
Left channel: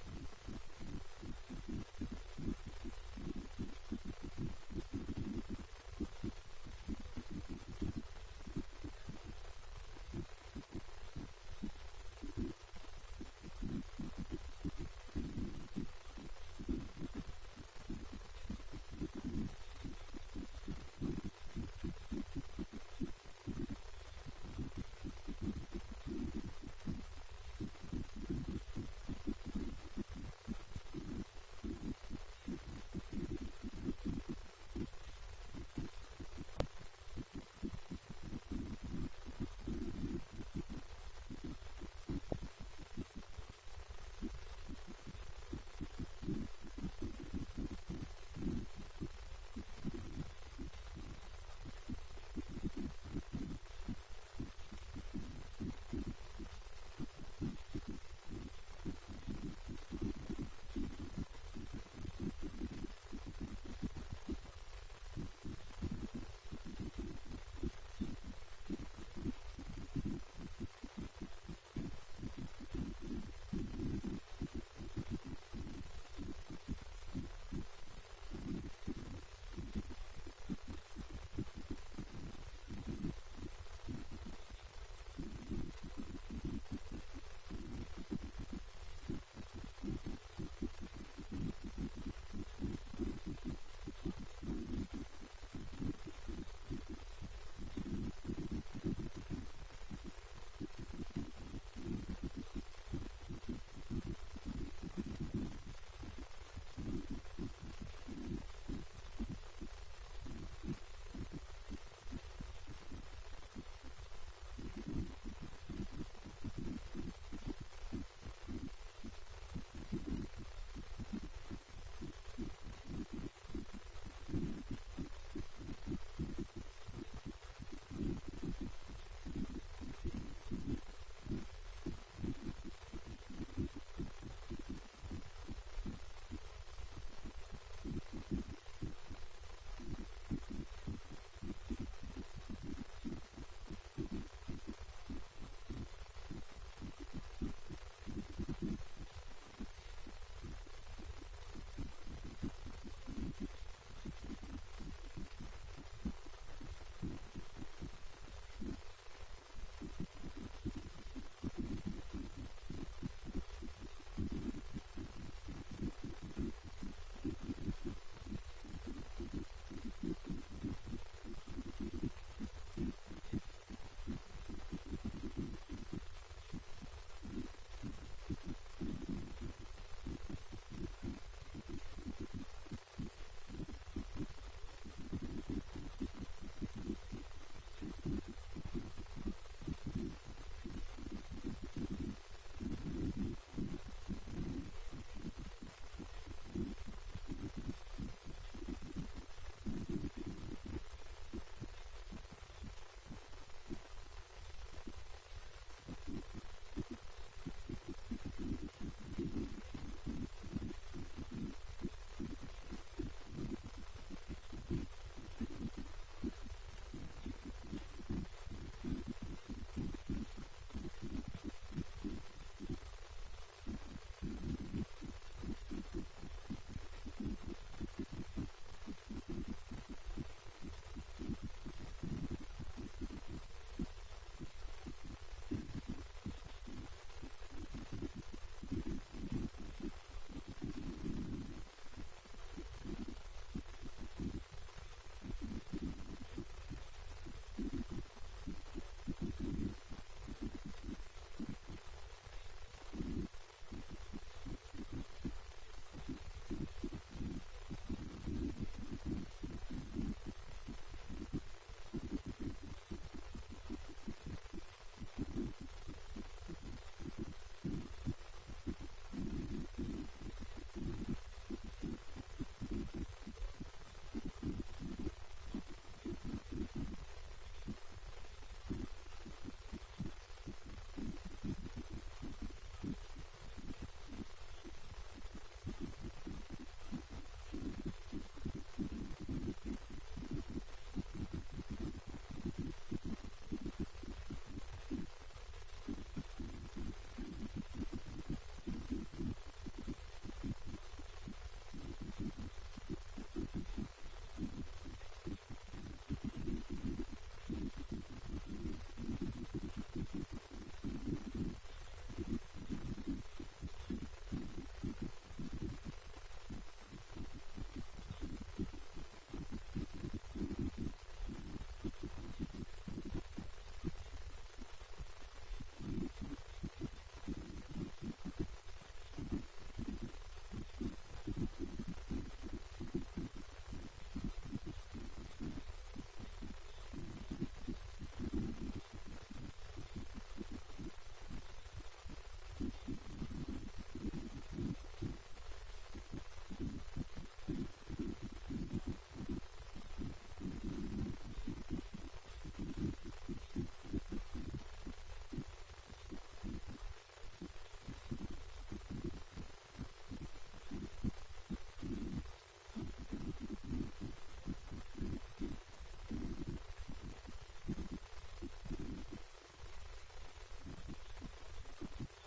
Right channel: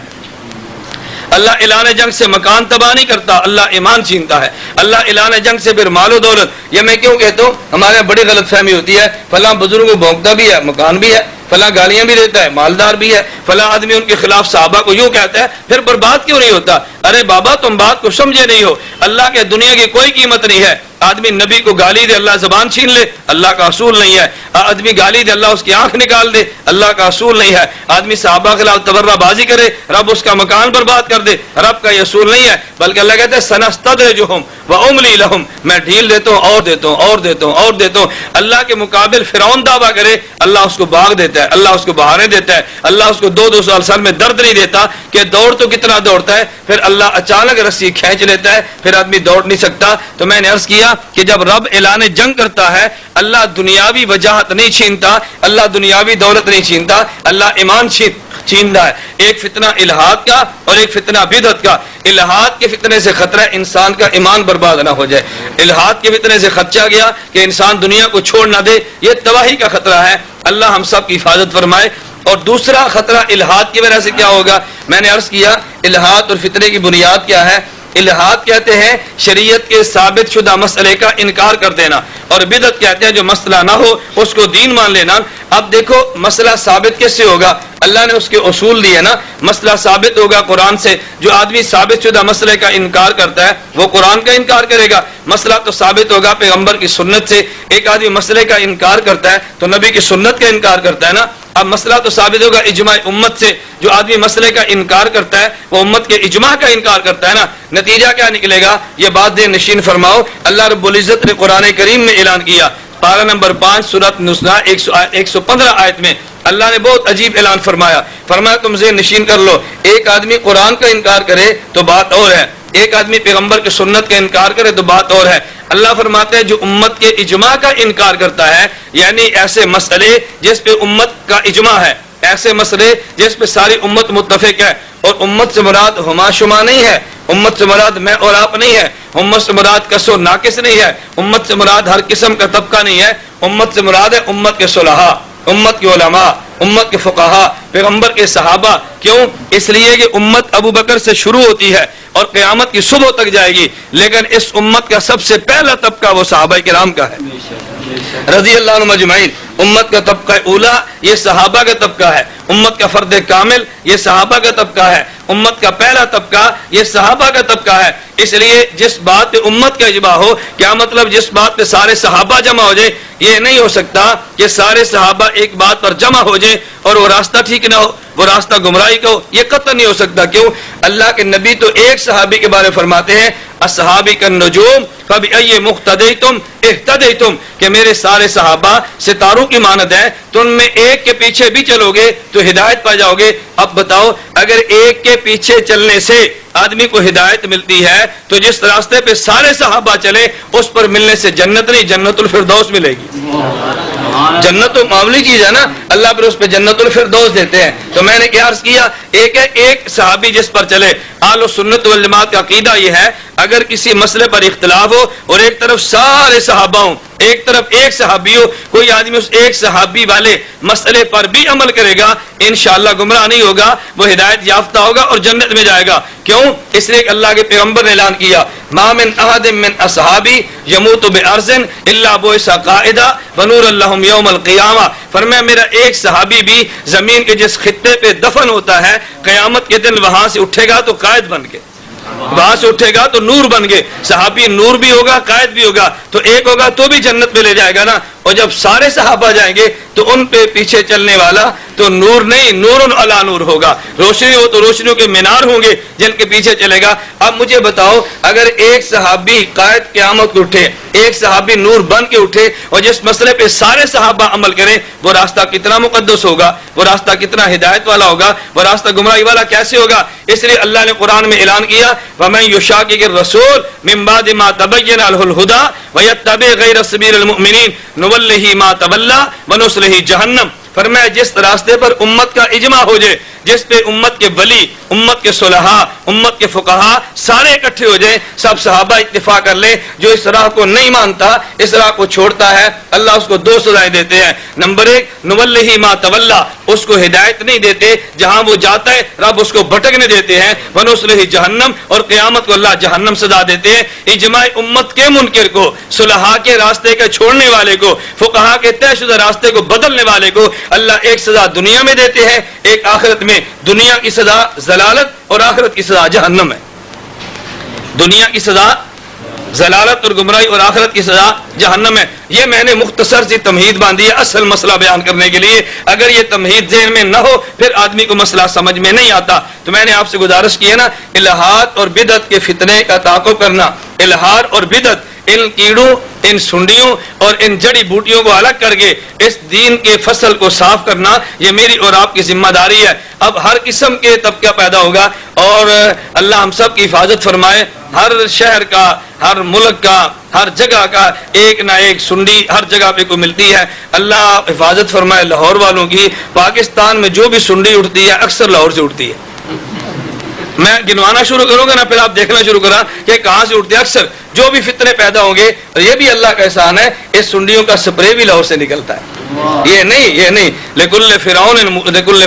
اللہ اعلان جنگ سے مکان تباہ نہیں کرتا، اللہ ایمان چھینتا ہے۔ اللہ اعلان جنگ سے پھر مال و دولت، یہ میں کیوں کہتا ہوں، ہمارے یہاں بڑی غلط فہمی ہوتی ہے، فلاں بزرگ کو بھونکتا بھی ہے، مکان بھی ہے، فلاں گالیاں بھی دیتا ہے، مالدار بھی ہے، فلاں آدمی ان کے خلاف صحابہ کو یوں کہتا ہے، پھر برباد کیوں نہیں ہوتا؟ ارے بابا تم بات کو سمجھے نہیں ہو، اللہ کے دنیا کی کوئی قیمت نہیں ہے۔ آدمی نبی کو گالی دے، اللہ زبان چھین لے، اللہ کا اصول نہیں ہے۔ آدمی گالی دے، اللہ اس کی آنکھ نکال دے، اللہ کا اصول نہیں ہے۔ آدمی صحابہ کے خلاف تبرہ بازی کرے، رب اس کا مکان برباد کر دے، رب کا یہ اصول نہیں ہے۔ بلکہ اللہ کہتا ہے سنستدرجہم واملی لہم، میں ڈھیل دیتا ہوں اور دیتا ہوں اور دیتا ہوں اور دیتا ہوں۔ اللہ کے مقابل فرعون دعویٰ کرے، اللہ اس کو باغ دیتا ہے، اللہ اس کو بہاریں دیتا ہے، اللہ اس کو دو سال میں درد نہیں دیتا کہ دوڑ تو کتنا دوڑتا ہے، پھر اللہ اچانک رسی کھینچ لیتا ہے، پھر آدمی دوڑ نہیں سکتا۔ تو میں نے عرض کیا کہ جب رب اعلان جنگ کرتا ہے، اللہ دنیاوی وجاہت نہیں چھینتا، اللہ دنیاوی دولت نہیں چھینتا، اللہ ایمان چھینتا ہے۔ ایک فتنہ الہاد کا اور ایک فتنہ بدعت کا۔ الہاد کے فتنے سے خطرہ ہے انسان کا ایمان برباد نہ ہو جائے، الہاد کے فتنے سے خدشہ گیا کہ انسان دنیا کو چھوڑ نہ دے، یہ تباہی کا خطرہ ہے۔ اللہ ہم سب کی حفاظت فرمائے۔ اور دوسرا خطرہ الہاد کی وجہ سے کیا ہوگا؟ میں نے عرض کیا الہاد اور فتنے کی بنیاد کیا ہے؟ الہاد کہتے ہیں شریعت کے ثابت شدہ مسئلے کا انکار کر دینا، اور بدعت کہتے ہیں جو مسئلہ نہ ہو اس کو دین مان لینا۔ اب دیکھو مسئلہ ثابت کیسے ہوگا؟ اللہ نے اس کے اصول دیے نا۔ مسئلہ ثابت ہوگا قرآن سے۔ جو آدمی ثابت شدہ مسئلے کا انکار کرتا ہے وہ قرآن کا انکار کرے گا۔ مسئلہ تو ثابت ہوگا پیغمبر کی سنت سے۔ ایک آدمی مسئلے کا انکار کرتا ہے تو نبی کی سنت کا انکار کرتا ہے نا۔ اب مسئلہ تو ثابت ہوگا اجماع امت سے۔ جو آدمی مسئلے کا انکار کرتا ہے وہ امت کے اجماع کا انکار کرتا ہے نا۔ نتیجہ کیا نکلے گا؟ یہ بات دے نشین فرماؤ۔ اللہ رب العزت نے قرآن کریم میں اعلان کیا، پارہ نمبر 5 سورۃ نساء 115 آیت میں اللہ نے بہت عجیب اعلان فرمایا۔ فرمایا تم ذہن نشین کر لو، ایک آدمی قرآن کا انکار کرے تو بات اور ہے، ایک آدمی پیغمبر کی سنت کا انکار کرے تو بات اور ہے. اللہ فرماتے ہیں جو امت کے اجماع کا انکار کرتا ہے، یعنی ایسے مسئلے جس پہ امت کا اجماع ہے، ایسے مسئلے جس پہ ساری امت متفق ہے، اور امت سے مراد ہما شما نہیں ہے، امت سے مراد میں اور آپ نہیں ہے، امت سے مراد کس و ناقص نہیں ہے، امت سے مراد ہر قسم کا طبقہ نہیں ہے، امت سے مراد ہے امت کے صلحاء، امت کے علماء، امت کے فقہاء، پیغمبر کے صحابہ. کیوں؟ اس لیے کہ امت ابو بکر سے شروع ہوتی ہے اور قیامت کی صبح تک جائے گی، لیکن اس امت کا سب سے پہلا طبقہ وہ صحابہ کرام کا ہے رضی اللہ عنہم اجمعین. امت کا طبقہ اولا یہ صحابہ کا طبقہ ہے، امت کا فرد کامل یہ صحابہ کا طبقہ ہے، امت کا پہلا طبقہ یہ صحابہ کا طبقہ ہے. اس لیے جس بات پہ امت کا اجماع ہو، کیا مطلب جس بات پہ سارے صحابہ جمع ہو جائے؟ یہ نہیں ہو سکتا کہ سارے صحابہ ایک بات پر جمع ہو جائے اور وہ راستہ ٹھیک نہ ہو، وہ راستہ گمراہی کا ہو، یہ قطع نہیں ہو سکتا. کیوں؟ اللہ کے نبی تو ایک صحابی کے بارے فرماتے ہیں اصحابی کالنجوم فبأی مقتدیتم اہتدیتم، کہ میرے سارے صحابہ ستاروں کی مانند ہیں، تو ان میں ایک کے پیچھے بھی چلو گے تو ہدایت پا جاؤ گے. اب بتاؤ اگر ایک کے پیچھے چلنے سے آدمی کو ہدایت ملتی ہے تو جس راستے پہ سارے صحابہ چلے اس پر ملنے سے جنت نہیں، جنت الفردوس ملے گی. جنت تو معمولی چیز ہے نا، اللہ پر اس پہ جنت الفردوس دیتے ہیں. تو میں نے کیا عرض کیا، ایک صحابی جس پر چلے. اہل سنت والجماعت کا عقیدہ یہ ہے اگر کسی مسئلے پر اختلاف ہو اور ایک طرف سارے صحابہ ہوں، ایک طرف ایک صحابی ہو، کوئی آدمی اس ایک صحابی والے مسئلے پر بھی عمل کرے گا انشاءاللہ گمراہ نہیں ہوگا، وہ ہدایت یافتہ ہوگا اور جنت میں جائے گا. کیوں؟ اس لیے کہ اللہ کے پیغمبر نے اعلان کیا ما من احد من اصحابی یموت بارض الا بعث قائدا ونور لهم یوم القیامہ. فرمایا میرا ایک صحابی بھی زمین کے جس خطے پہ دفن ہوتا ہے قیامت کے دن وہاں سے اٹھے گا تو قائد بن کے، وہاں سے اٹھے گا تو نور بن گئے. صحابی نور بھی ہوگا، قائد بھی ہوگا، تو ایک ہوگا تو بھی جنت میں لے جائے گا نا. اور جب سارے صحابہ جائیں گے تو ان پہ پیچھے چلنے والا تو نور نہیں، نور علی نور ہوگا، روشنی ہو تو روشنیوں کے مینار ہوں گے جن کے پیچھے چلے گا. اب مجھے بتاؤ اگر ایک صحابی قائد قیامت کو اٹھے، ایک صحابی نور بن کے اٹھے اور جس مسئلے پہ سارے صحابہ عمل کریں، وہ راستہ کتنا مقدس ہوگا، وہ راستہ کتنا ہدایت والا ہوگا، وہ راستہ گمراہی والا کیسے ہوگا. اس لیے اللہ نے قرآن میں اعلان کیا وَمَن يُشَاقِقِ الرَّسُولَ مِن بَعْدِ مَا تَبَيَّنَ لَهُ الْهُدَىٰ وَيَتَّبِعْ غَيْرَ سَبِيلِ الْمُؤْمِنِينَ نُوَلِّهِ مَا تَوَلَّىٰ وَنُصْلِهِ جَهَنَّمَ. فرمایا جس راستے پر امت کا اجماع ہو جائے، جس پہ امت کے ولی، امت کے صلحاء، امت کے فقہاء سارے اکٹھے ہو جائیں، سب صحابہ اتفاق کر لیں، جو اس راہ کو نہیں مانتا، اس راہ کو چھوڑتا ہے، اللہ اس کو دو سزائیں دیتے ہیں. نمبر ایک نُوَلِّهِ مَا تَوَلَّىٰ، اس کو ہدایت نہیں دیتے، جہاں وہ جاتا ہے رب اس کو بھٹکنے دیتے ہیں. وَنُصْلِهِ جہنم، اور قیامت کو اللہ جہنم سزا دیتے ہیں. اجماع امت کے منکر کو، صلحاء کے راستے کے چھوڑنے والے کو، فقہاء کے طے شدہ راستے کو بدلنے والے کو اللہ ایک سزا دنیا میں دیتے ہیں، ایک آخرت میں. دنیا کی سزا ضلالت اور آخرت کی سزا جہنم ہے. دنیا کی سزا ضلالت اور گمراہی اور آخرت کی سزا جہنم ہے. یہ میں نے مختصر سی تمہید باندھی ہے اصل مسئلہ بیان کرنے کے لیے. اگر یہ تمہید ذہن میں نہ ہو پھر آدمی کو مسئلہ سمجھ میں نہیں آتا. تو میں نے آپ سے گزارش کی ہے نا، الہاد اور بدعت کے فتنے کا تعاقب کرنا، الہاد اور بدعت، ان کیڑوں، ان سنڈیوں اور ان جڑی بوٹیوں کو الگ کر کے اس دین کے فصل کو صاف کرنا، یہ میری اور آپ کی ذمہ داری ہے. اب ہر قسم کے طبقہ پیدا ہوگا اور اللہ ہم سب کی حفاظت فرمائے. ہر شہر کا، ہر ملک کا، ہر جگہ کا ایک نہ ایک سنڈی ہر جگہ پہ کو ملتی ہے. اللہ حفاظت فرمائے لاہور والوں کی. پاکستان میں جو بھی سنڈی اٹھتی ہے اکثر لاہور سے اٹھتی ہے. میں گنوانا شروع کروں گا نا، پھر آپ دیکھنا شروع کرا کہ کہاں سے اٹھتے ہیں. اکثر جو بھی فتنے پیدا ہوں گے، اور یہ بھی اللہ کا احسان ہے اس سنڈیوں کا سپرے بھی لاہور سے نکلتا ہے. یہ نہیں لکل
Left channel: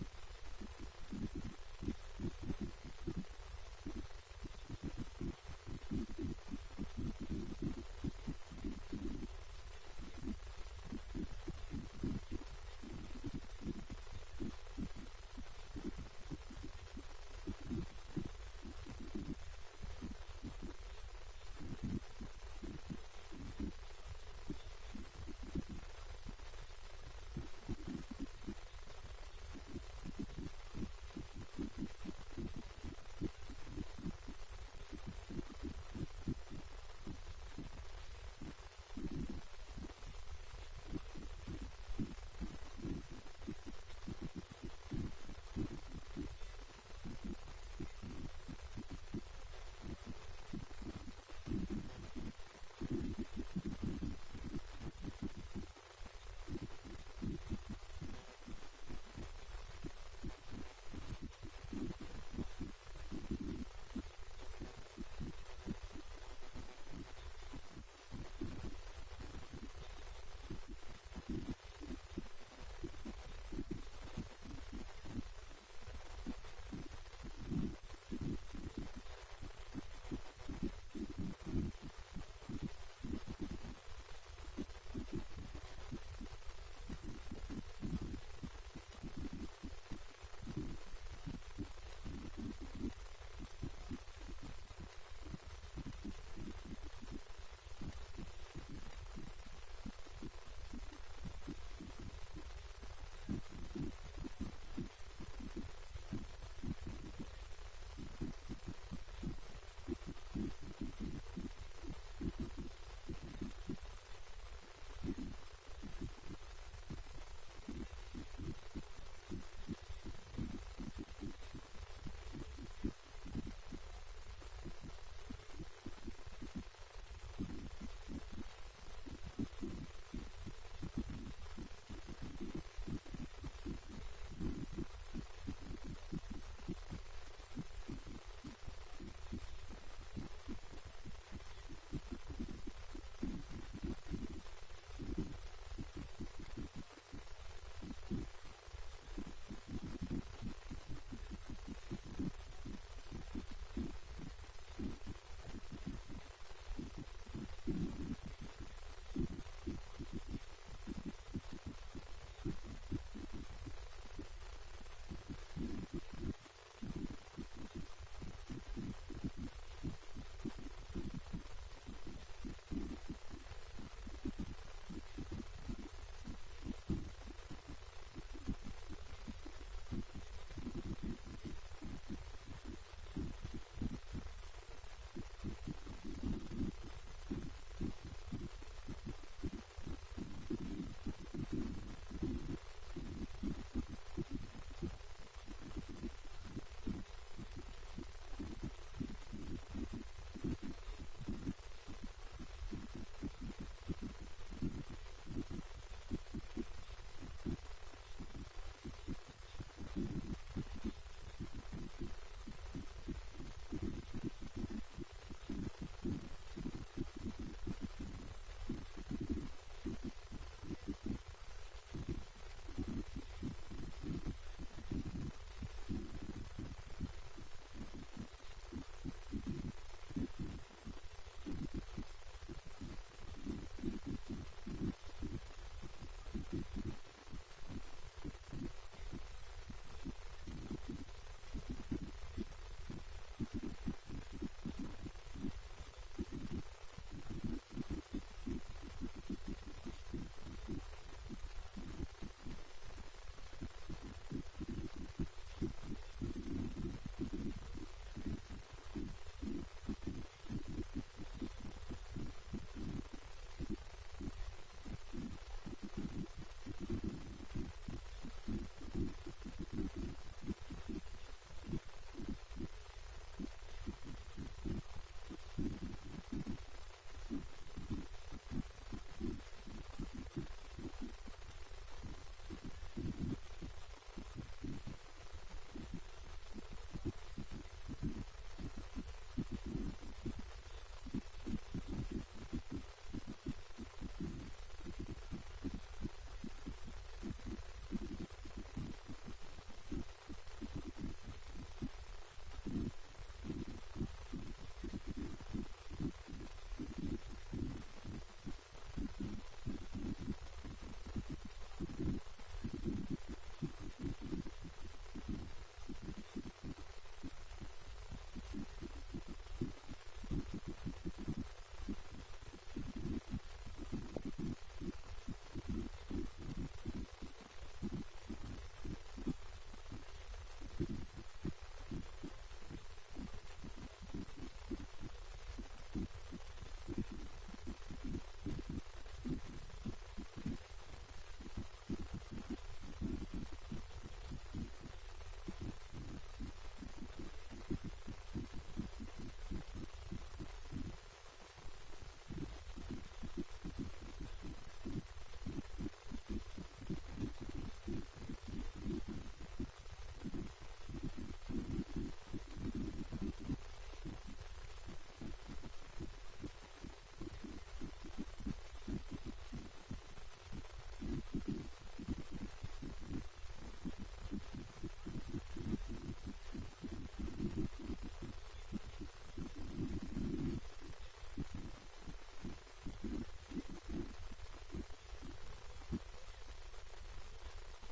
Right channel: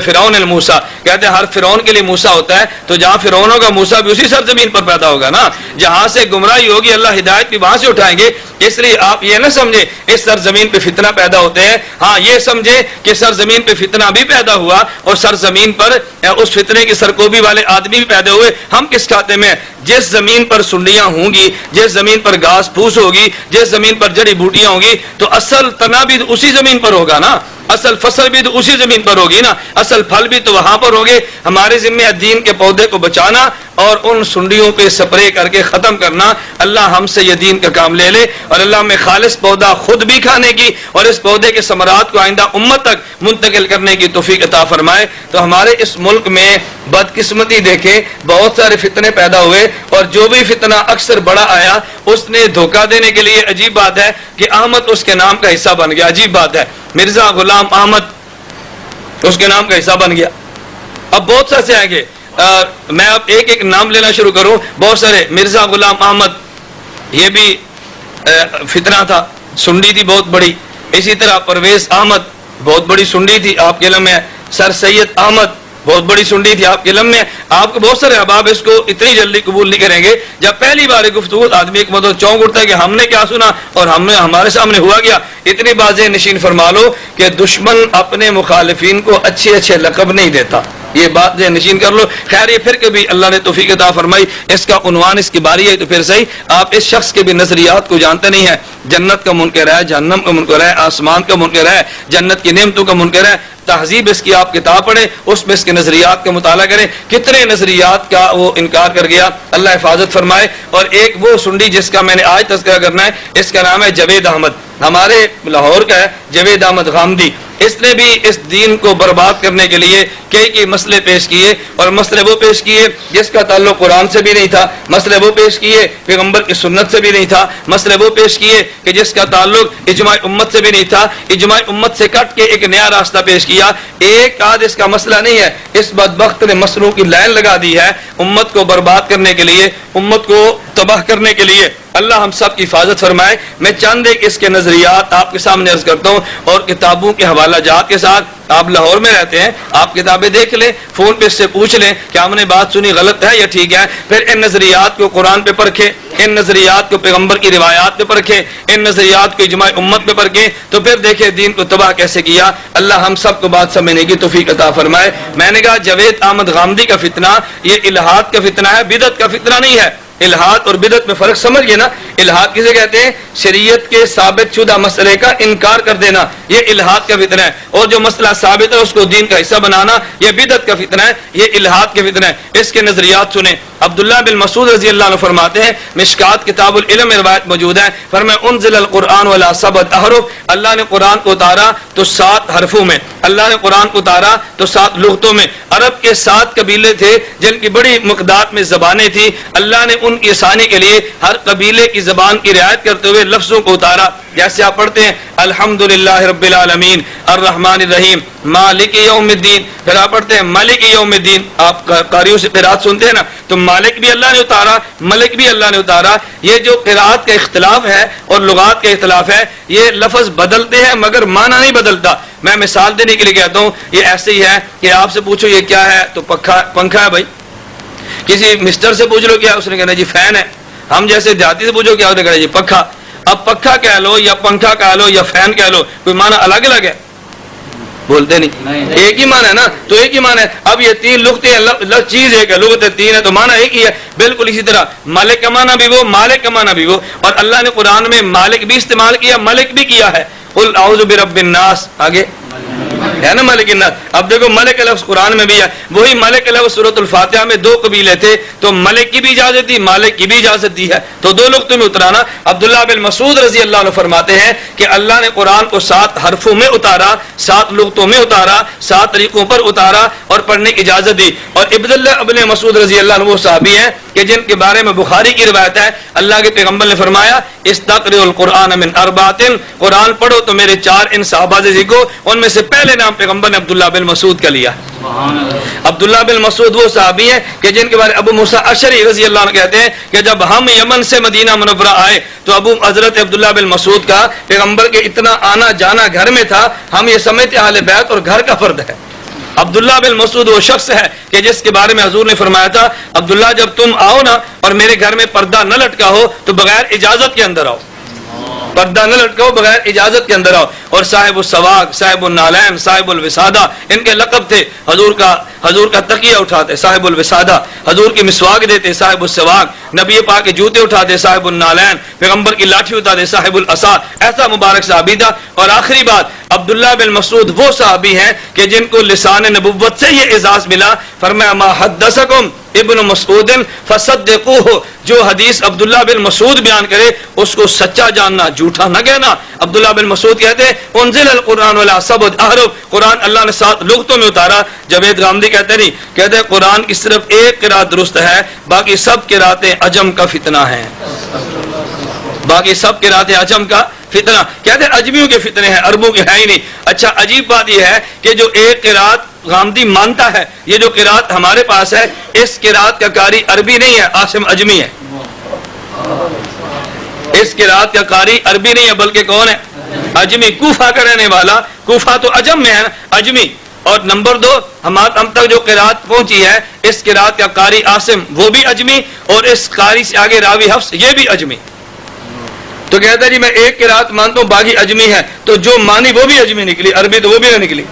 فرعون موسیٰ، کہتے ہیں ہر فرعون کے لیے موسیٰ ہوتا ہے. تو جہاں فرعون ہوگا موسیٰ بھی اسی سرزمین پر پیدا ہوگا نا. جہاں سے گمراہی ہوگی اللہ ہدایت بھی وہاں سے اٹھائیں گے. اس لیے آپ یہ نہ سمجھیں اس سرزمین پہ فتنہ پیدا ہوتے ہیں. ہاں یہ سمجھیں کہ سرزمین پہ فتنہ بھی پیدا ہوا اور سرزمین پر اس فتنے کی سرکوبی والے آدمی بھی پیدا ہوئے. ہم کس کھاتے میں؟ جس زمین پر سنڈیاں ہوں گی، جس زمین پر گھاس پھوس ہوگی، جس زمین پر جڑی بوٹیاں ہوں گی، تو اصل تنا بھی اسی زمین پر ہوگا نا، اصل فصل بھی تو اسی زمین پر ہوگی نا، اصل پھل بھی تو وہاں پر ہوگے. ہمارے ذمہ دین کے پودے کو بچانا اور ان سنڈیوں پہ سپرے کر کے ختم کرنا. اللہ ہم سے یہ دین کا کام لے لے اور اللہ میں خالص پودا خود بھی کھانے کی اور اس پودے کے ثمرات کو آئندہ امت تک منتقل کرنے کی توفیق عطا فرمائے. تو ہمارے اس ملک میں بدقسمتی دیکھیں بہت سارے فتنے پیدا ہوئے اور جو بھی فتنہ اکثر بڑا آیا اس نے دھوکہ دینے کے لیے, عجیب بات ہے کہ احمد اس کے نام کا حصہ بن گیا. عجیب بات ہے, مرزا غلام احمد اس کے نام کا حصہ بن گیا. اب بہت سے آئیں گے, میں اب ایک ایک نام لینا شروع کروں. بہت سارے, مرزا غلام احمد یہ بھی فتنہ تھا, سنڈی تھی بہت بڑی. اسی طرح پرویز احمد بہت بڑی سنڈی تھی, آپ کے علم میں. سر سید احمد بہت بڑی سنڈی تھی, آپ کے علم میں. آپ کو بہت سارے احباب اس کو اتنی جلدی قبول نہیں کریں گے. جب پہلی بار گفتگو آدمی ایک مطلب چونک اٹھتا ہے کہ ہم نے کیا سنا اور ہمارے سامنے ہوا گیا. اتنی باتیں نشین فرما لو کہ دشمن اپنے مخالفین کو اچھے اچھے لقب نہیں دیتا, یہ بات نشین کر لو. خیر یہ پھر کبھی اللہ نے توفیق عطا فرمائی, اس کا عنوان اس کی باری ہے تو پھر صحیح. آپ اس شخص کے بھی نظریات کو جانتے نہیں ہیں. جنت کا منکر ہے, جہنم کا منکر ہے, آسمان کا منکر ہے, جنت کی نعمتوں کا منکر ہے. تہذیب اس کی آپ کتاب پڑھیں, اس میں اس کے نظریات کا مطالعہ کریں. کتنے نظریات کا وہ انکار کر گیا, اللہ حفاظت فرمائے. اور ایک وہ سنڈی جس کا میں نے آج تذکرہ کرنا ہے, اس کا نام ہے جاوید احمد, ہمارے لاہور کا ہے, جاوید احمد غامدی. اس نے بھی اس دین کو برباد کرنے کے لیے کئی مسئلے پیش کیے, اور مسئلے وہ پیش کیے جس کا تعلق قرآن سے بھی نہیں تھا, مسئلے وہ پیش کیے پیغمبر کی سنت سے بھی نہیں تھا, مسئلے وہ پیش کیے کہ جس کا تعلق اجماع امت سے بھی نہیں تھا, اجماع امت سے کٹ کے ایک نیا راستہ پیش کیا. ایک آدھ اس کا مسئلہ نہیں ہے, اس بدبخت نے مسئلوں کی لائن لگا دی ہے امت کو برباد کرنے کے لیے, امت کو تباہ کرنے کے لیے. اللہ ہم سب کی حفاظت فرمائے. میں چند ایک اس کے نظریات آپ کے سامنے عرض کرتا ہوں, اور کتابوں کے حوالہ جات کے ساتھ. آپ لاہور میں رہتے ہیں, آپ کتابیں دیکھ لیں, فون پہ اس سے پوچھ لیں کہ ہم نے بات سنی غلط ہے یا ٹھیک ہے. پھر ان نظریات کو قرآن پہ پرکھیں, ان نظریات کو پیغمبر کی روایات پہ پرکھیں, ان نظریات کو اجماع امت پہ پرکھیں, تو پھر دیکھیں دین کو تباہ کیسے کیا. اللہ ہم سب کو بات سمجھنے کی توفیق عطا فرمائے. میں نے کہا جاوید احمد غامدی کا فتنہ یہ الہاد کا فتنہ ہے, بدعت کا فتنہ نہیں ہے. الہاد اور بدعت میں فرق سمجھ گئے نا. الہاد کسے کہتے ہیں؟ شریعت کے ثابت شدہ مسئلے کا انکار کر دینا, یہ الہاد کا فتنہ ہے. اور جو مسئلہ ثابت ہے اس کو دین کا حصہ بنانا, یہ بدعت کا فتنہ ہے, یہ الہاد کا فتنہ ہے. اس کے نظریات سنیں. عبداللہ بن مسعود رضی اللہ عنہ فرماتے ہیں, مشکات کتاب العلم میں روایت موجود ہے, فرمایا انزل القرآن ولا سبت احرف, اللہ نے قرآن کو اتارا تو 7 حرفوں میں, اللہ نے قرآن کو اتارا تو 7 لغتوں میں. عرب کے 7 قبیلے تھے جن کی بڑی مقدار میں زبانیں تھیں, اللہ نے ان کی آسانی کے لیے ہر قبیلے کی زبان کی رعایت کرتے ہوئے لفظوں کو اتارا. جیسے آپ پڑھتے ہیں الحمدللہ رب العالمین الرحمن الرحیم مالک یوم الدین, پھر آپ پڑھتے ہیں مالک یوم الدین. آپ قاریوں سے قرات سنتے ہیں نا, تو مالک بھی اللہ نے اتارا, ملک بھی اللہ نے اتارا. یہ جو قرات کا اختلاف ہے اور لغات کا اختلاف ہے, یہ لفظ بدلتے ہیں مگر معنی نہیں بدلتا. میں مثال دینے کے لیے کہتا ہوں, یہ ایسے ہی ہے کہ آپ سے پوچھو یہ کیا ہے تو پنکھا ہے بھائی. کسی مسٹر سے پوچھ لو کیا, اس نے کہنا جی فین ہے. ہم جیسے دیہاتی سے پوچھو کیا, اس نے کہنا جی پنکھا. اب پنکھا کہہ لو یا پنکھا کہہ لو یا فین کہہ لو, کوئی معنی الگ الگ ہے؟ بولتے نہیں, ایک ہی معنی ہے نا, تو ایک ہی معنی ہے. اب یہ 3 لغتیں ہیں, چیز ایک ہے, لغتیں 3 ہے تو معنی ایک ہی ہے. بالکل اسی طرح مالک کا معنی بھی وہ, مالک کا معنی بھی وہ. اور اللہ نے قرآن میں مالک بھی استعمال کیا, ملک بھی کیا ہے. قل اعوذ برب الناس, آگے ہے نا ملک الناس. اب دیکھو ملک لفظ قرآن میں بھی ہے, وہی ملک لفظ سورۃ الفاتحہ میں 2 قبیلے تھے, تو ملک کی بھی اجازت دی, مالک کی بھی اجازت دی ہے, تو 2 لغتوں میں اترانا. عبداللہ بن مسعود رضی اللہ عنہ فرماتے ہیں کہ اللہ نے قرآن کو 7 حرفوں میں اتارا, 7 لغتوں میں اتارا, 7 طریقوں پر اتارا اور پڑھنے کی اجازت دی. اور عبداللہ ابن مسعود رضی اللہ عنہ وہ صحابی ہیں کہ جن کے بارے میں بخاری کی روایت ہے, اللہ کے پیغمبر نے فرمایا استقرئوا القرآن من 4, قرآن پڑھو تو میرے 4 ان صحابہ سے سیکھو. ان میں سے پہلے نام پیغمبر نے عبداللہ بن مسعود کا لیا. عبداللہ بن مسعود وہ صحابی ہیں کہ جن کے بارے ابو موسیٰ اشعری رضی اللہ عنہ کہتے ہیں کہ جب ہم یمن سے مدینہ منورہ آئے تو حضرت عبداللہ بن مسعود کا پیغمبر کے اتنا آنا جانا گھر میں تھا, ہم یہ سمجھتے اہل بیت اور گھر کا فرد ہے. عبداللہ بن مسعود وہ شخص ہے کہ جس کے بارے میں حضور نے فرمایا تھا, عبداللہ جب تم آؤ نا اور میرے گھر میں پردہ نہ لٹکا ہو تو بغیر اجازت کے اندر آؤ, پردہ نہ لٹکاؤ, بغیر اجازت کے اندر آؤ. اور صاحب السواق, صاحب النالین, صاحب الوسادہ ان کے لقب تھے. حضور کا تکیہ اٹھاتے صاحب الوسادہ, حضور کی مسواک دیتے صاحب السواق, نبی پاک کے جوتے اٹھاتے صاحب النالین, پیغمبر کی لاٹھی اٹھاتے صاحب العصا. ایسا مبارک صحابی تھا. اور آخری بات, عبداللہ بن مسعود وہ صحابی ہیں کہ جن کو لسان نبوت سے یہ اعزاز ملا, فرمایا ما حدثکم ابن مسعود فصدقوہ، جو حدیث عبداللہ بن مسعود بیان کرے اس کو سچا جاننا، جھوٹا نہ کہنا۔ عبداللہ بن مسعود کہتے ہیں انزل القرآن ولا سبع احرف، قرآن اللہ نے 7 لغتوں میں اتارا۔ جاوید غامدی کہتے نہیں، کہتے قرآن کی صرف ایک قرات درست ہے، باقی سب قراتیں عجم کا فتنہ ہیں، باقی سب قراتیں عجم کا فتنہ۔ کہتے ہیں اجمیوں کے فتنے ہیں، عربوں کے ہے ہی نہیں۔ اچھا عجیب بات یہ ہے کہ جو ایک قرات غامدی مانتا ہے، یہ جو قرات ہمارے پاس ہے، اس قرات کا قاری عربی نہیں ہے، عاصم اجمی ہے۔ اس قرات کا قاری عربی نہیں ہے بلکہ کون ہے؟ اجمی، کوفہ کا رہنے والا۔ کوفہ تو عجم میں ہے نا، اجمی۔ اور نمبر 2، ہم تک جو قرات پہنچی ہے، اس قرات کا قاری عاصم وہ بھی اجمی، اور اس قاری سے آگے راوی حفص یہ بھی اجمی۔ تو کہتا ہے جی میں ایک قرات مانتا ہوں باقی اجمی ہے، تو جو مانی وہ بھی اجمی نکلی، عربی تو وہ بھی نہ نکلی۔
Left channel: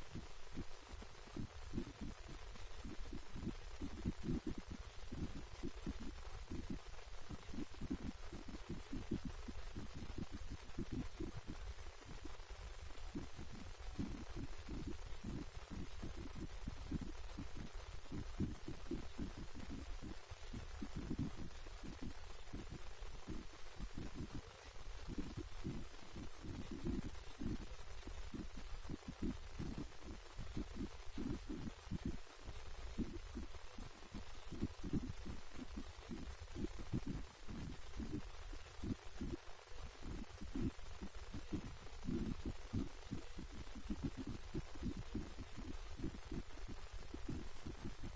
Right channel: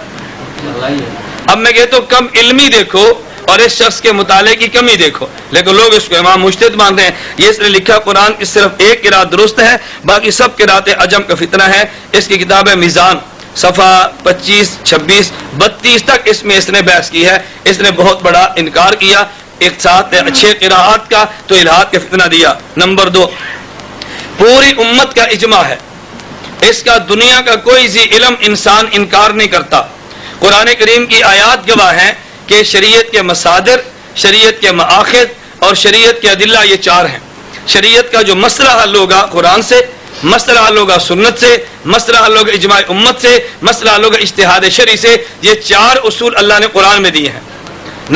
اب میں کہتا ہوں کم علمی دیکھو اور اس شخص کے مطالعے کی کمی دیکھو، لیکن لوگ اس کو امام مجتہد مانتے ہیں۔ یہ اس نے لکھا قرآن کی صرف ایک قرات درست ہے، باقی سب قراتیں عجم کا فتنہ ہے۔ اس کی کتاب ہے میزان، صفحہ 25، 26، 32 تک اس میں اس نے بحث کی ہے۔ اس نے بہت بڑا انکار کیا ایک ساتھ اچھے قراءات کا، تو الہاد کا فتنہ دیا۔ نمبر 2، پوری امت کا اجماع ہے، اس کا دنیا کا کوئی ذی علم انسان انکار نہیں کرتا۔ قرآن کریم کی آیات گواہ ہیں کہ شریعت کے مصادر، شریعت کے مآخذ اور شریعت کے ادلہ یہ 4 ہیں۔ شریعت کا جو مسئلہ حل ہوگا قرآن سے، مسئلہ حل ہوگا سنت سے، مسئلہ حل ہوگا اجماع امت سے، مسئلہ حل ہوگا اجتہاد شرعی سے۔ یہ 4 اصول اللہ نے قرآن میں دیے ہیں۔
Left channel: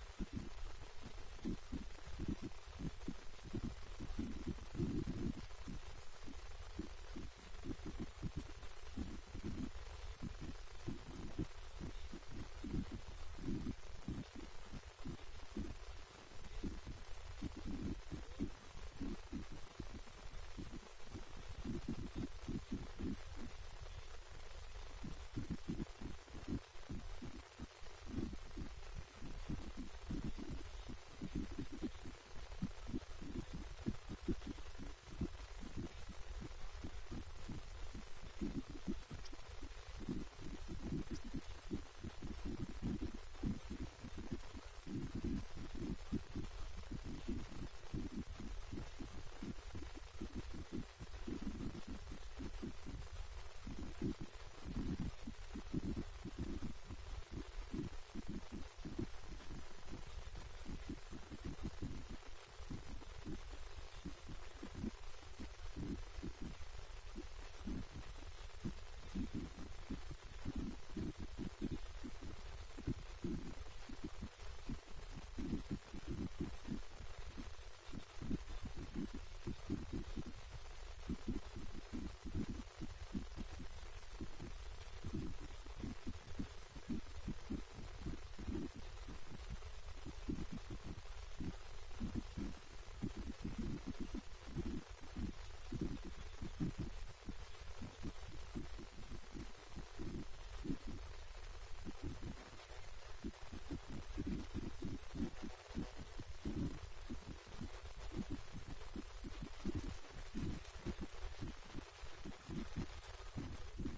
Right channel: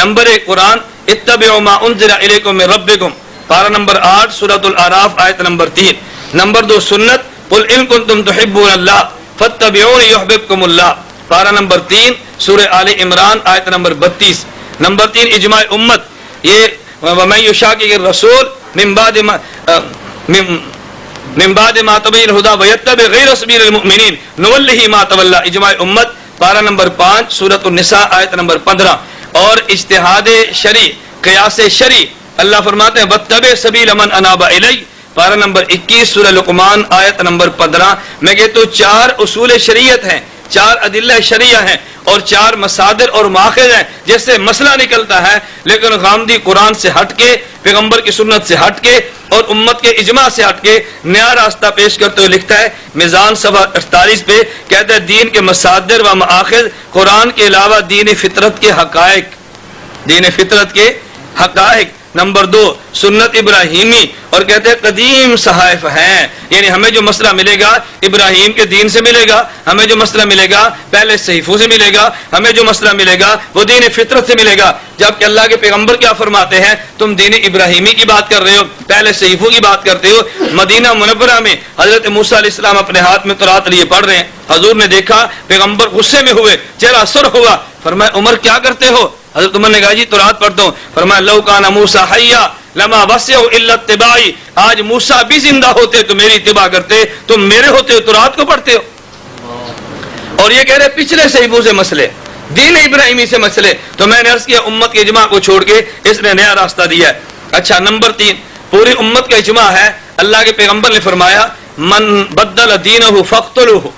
نمبر 1 قرآن، اتبعوا ما انزل الیکم من ربکم، پارہ نمبر 8 سورۃ الاعراف آیت نمبر 3۔ نمبر 2 سنت، قل ان کنتم تحبون اللہ فاتبعونی یحببکم اللہ، پارہ نمبر 3 سورہ آل عمران آیت نمبر 32۔ نمبر 3 اجماع امت، یہ ومن یشاقق الرسول من بعد ما تبین الہدی ویتبع غیر سبیل المؤمنین نولہ ما تولی، اجماع امت، پارہ نمبر 5 سورۃ النساء آیت نمبر 15۔ اور اجتہاد شرعی، قیاس شرعی، اللہ فرماتے ہیں واتبع سبیل من اناب الی، پارہ نمبر 21 سورہ لقمان آیت نمبر 15۔ میں کہتا ہوں 4 اصول شریعت ہیں، 4 ادلہ شریعہ ہیں اور 4 مصادر اور ماخذ ہیں جس سے مسئلہ نکلتا ہے۔ لیکن غامدی قرآن سے ہٹ کے، پیغمبر کی سنت سے ہٹ کے اور امت کے اجماع سے ہٹ کے نیا راستہ پیش کرتے ہوئے لکھتا ہے میزان صفحہ 48 پہ، کہتا ہے دین کے مصادر و مآخذ قرآن کے علاوہ دین فطرت کے حقائق، دین فطرت کے حقائق۔ نمبر 2 سنت ابراہیمی، اور کہتے ہیں قدیم صحائف ہیں، یعنی ہمیں جو مسئلہ ملے گا ابراہیم کے دین سے ملے گا، ہمیں جو مسئلہ ملے گا پہلے صحیفوں سے ملے گا، ہمیں جو مسئلہ ملے گا وہ دین فطرت سے ملے گا۔ جبکہ اللہ کے پیغمبر کیا فرماتے ہیں، تم دین ابراہیمی کی بات کر رہے ہو، پہلے صحیفوں کی بات کرتے ہو۔ مدینہ منورہ میں حضرت موسیٰ علیہ السلام اپنے ہاتھ میں تورات لیے پڑھ رہے ہیں، حضور نے دیکھا، پیغمبر غصے میں ہوئے، چہرہ سرخ ہوا، فرمایا عمر کیا کرتے ہو؟ حضرت عمر نے کہا جی تورات پڑھتا ہوں۔ فرمایا لو کان موسیٰ حیا لما وسعہ الا اتباعی، آج موسیٰ بھی زندہ ہوتے تو میری اتباع کرتے، تم میرے ہوتے ہو تورات کو پڑھتے ہو۔ اور یہ کہہ رہے پچھلے صحیفوں سے مسئلے، دین ابراہیمی سے مسئلے، تو میں نے عرض کیا امت کے اجماع کو چھوڑ کے اس نے نیا راستہ دیا ہے۔ اچھا نمبر 3 پوری امت کا اجماع ہے، اللہ کے پیغمبر نے فرمایا من بدل دینہ فاقتلوہ،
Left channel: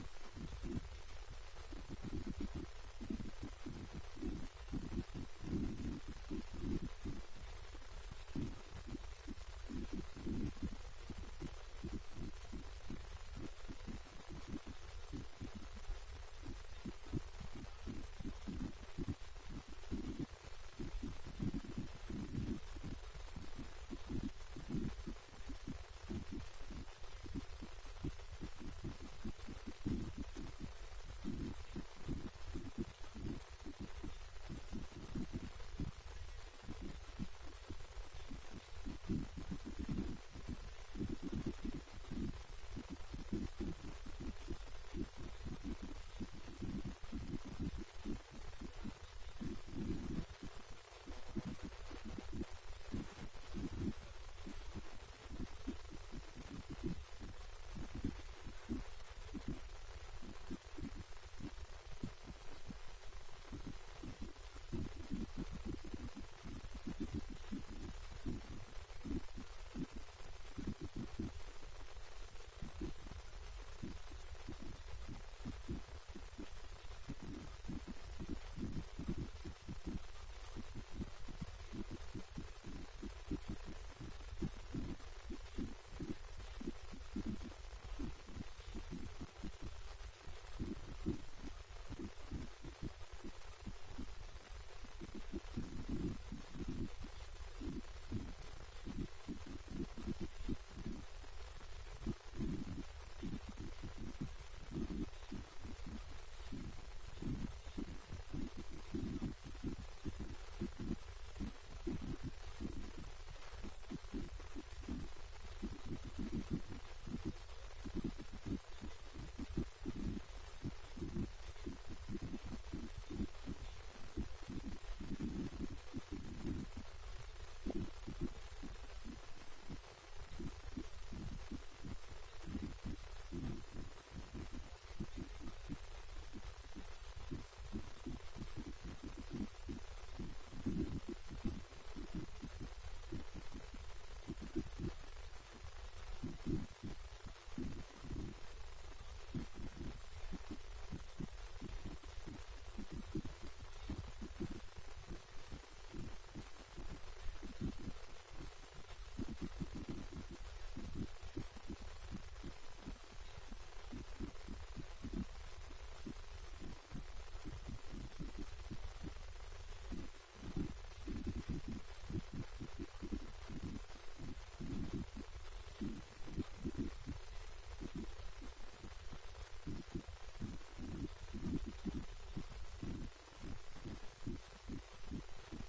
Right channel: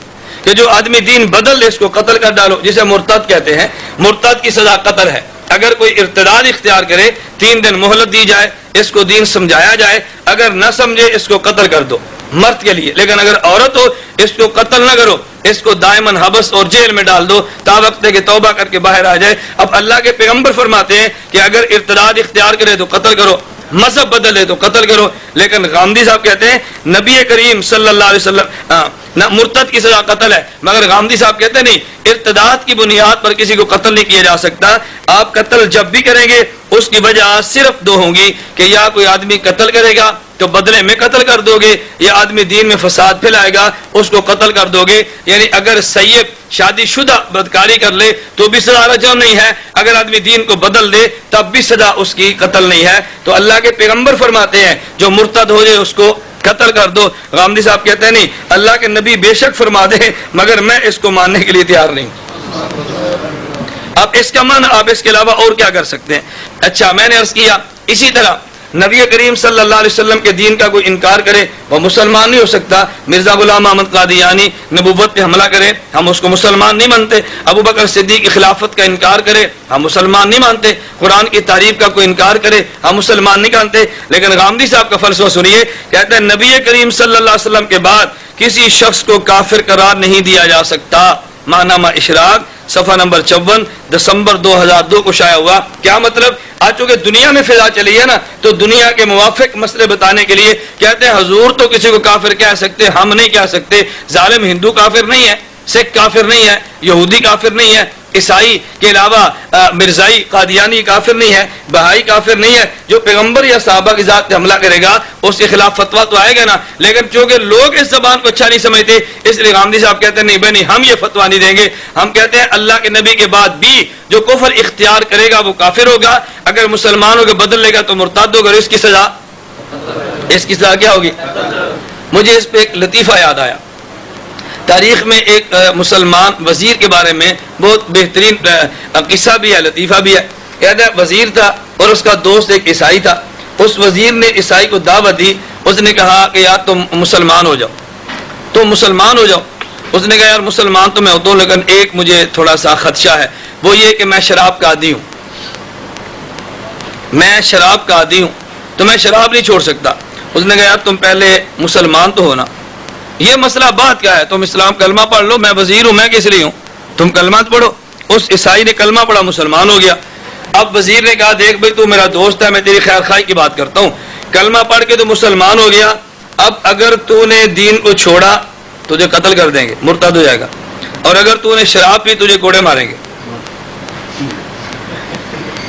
کہ جو آدمی دین بدل دے اس کو قتل کر ڈالو، جسے مرتد کہتے ہیں۔ مرتد کی سزا قتل ہے۔ اگر کوئی ارتداد اختیار کرے 3 دن مہلت دی جائے، اس کو دین سمجھایا جائے، اگر نہ سمجھے اس کو قتل کر دو، مرد کے لیے۔ لیکن اگر عورت ہو اس کو قتل نہ کرو، اس کو دائماً حبس اور جیل میں ڈال دو تا وقت کہ توبہ کر کے باہر آ جائے۔ اب اللہ کے پیغمبر فرماتے ہیں کہ اگر ارتداد اختیار کرے تو قتل کرو، مذہب بدل ہے تو قتل کرو۔ لیکن غامدی صاحب کہتے ہیں نبی کریم صلی اللہ علیہ وسلم مرتد کی سزا قتل ہے، مگر غامدی صاحب کہتے ہیں نہیں، ارتداد کی بنیاد پر کسی کو قتل نہیں کیا جا سکتا۔ آپ قتل جب بھی کریں گے اس کی وجہ صرف 2 ہوں گی، کہ یا کوئی آدمی قتل کرے گا تو بدلے میں قتل کر دو گے، یا آدمی دین میں فساد پھیلائے گا اس کو قتل کر دو گے۔ یعنی اگر سیب شادی شدہ بدکاری کر لے تو بھی سزا رجم نہیں ہے، اگر آدمی دین کو بدل دے تب بھی سزا اس کی قتل نہیں ہے۔ تو اللہ کے پیغمبر فرماتے ہیں جو مرتد ہو جائے اس کو قتل کر دو۔ غامدی صاحب کہتے ہیں نہیں، اللہ کے نبی بے شک فرما دے مگر میں اس کو ماننے کے لیے تیار نہیں۔ اب اس کا معنی آپ اس کے علاوہ اور کیا کر سکتے ہیں؟ اچھا میں نے عرض کیا اسی طرح نبی کریم صلی اللہ علیہ وسلم کے دین کا کوئی انکار کرے وہ مسلمان نہیں ہو سکتا. مرزا غلام احمد قادیانی نبوت پہ حملہ کرے ہم اس کو مسلمان نہیں مانتے. ابو بکر صدیق کی خلافت کا انکار کرے ہم مسلمان نہیں مانتے. قرآن کی تعریف کا کوئی انکار کرے ہم مسلمان نہیں مانتے. لیکن غامدی صاحب کا فلسفہ سنیے, کہتے ہیں نبی کریم صلی اللہ علیہ وسلم کے بعد کسی شخص کو کافر قرار نہیں دیا جا سکتا. ماہنامہ اشراق صفحہ نمبر 54 دسمبر 2002 کو شائع ہوا. کیا مطلب؟ آج چونکہ دنیا میں فضا چلی ہے نا, تو دنیا کے موافق مسئلے بتانے کے لیے کہتے ہیں حضور تو کسی کو کافر کہہ سکتے, ہم نہیں کہہ سکتے. ظالم ہندو کافر نہیں ہے, سکھ کافر نہیں ہے, یہودی کافر نہیں ہے, عیسائی کے علاوہ مرزائی قادیانی کافر نہیں ہے, بہائی کافر نہیں ہے. جو پیغمبر یا صحابہ کی ذات پہ حملہ کرے گا اس کے خلاف فتویٰ تو آئے گا نا. لیکن چونکہ لوگ اس زبان کو اچھا نہیں سمجھتے, اس لیے غامدی صاحب کہتے ہیں نہیں بھائی نہیں, ہم یہ فتویٰ نہیں دیں گے. ہم کہتے ہیں اللہ کے نبی کے بعد بھی جو کفر اختیار کرے گا وہ کافر ہوگا. اگر مسلمانوں کے بدل لے گا تو مرتد ہوگا. اس کی سزا کیا ہوگی؟ مجھے اس پہ ایک لطیفہ یاد آیا. تاریخ میں ایک مسلمان وزیر کے بارے میں بہت بہترین قصہ بھی ہے, لطیفہ بھی ہے. کہتا ہے وزیر تھا اور اس کا دوست ایک عیسائی تھا. اس وزیر نے عیسائی کو دعوت دی. اس نے کہا کہ یار تم مسلمان ہو جاؤ. اس نے کہا یار مسلمان تو میں ہوتا ہوں, لیکن ایک مجھے تھوڑا سا خدشہ ہے, وہ یہ کہ میں شراب کا عادی ہوں, تو میں شراب نہیں چھوڑ سکتا. اس نے کہا یار تم پہلے مسلمان تو ہونا, یہ مسئلہ بات کیا ہے, تم اسلام کلمہ پڑھ لو, میں وزیر ہوں, میں کس لیے ہوں, تم کلمہ پڑھو. اس عیسائی نے کلمہ پڑھا, مسلمان ہو گیا. اب وزیر نے کہا دیکھ بھائی تو میرا دوست ہے, میں تیری خیر خواہی کی بات کرتا ہوں, کلمہ پڑھ کے تو مسلمان ہو گیا, اب اگر تو نے دین کو چھوڑا تجھے قتل کر دیں گے, مرتد ہو جائے گا. اور اگر تو نے شراب پی تجھے کوڑے ماریں گے.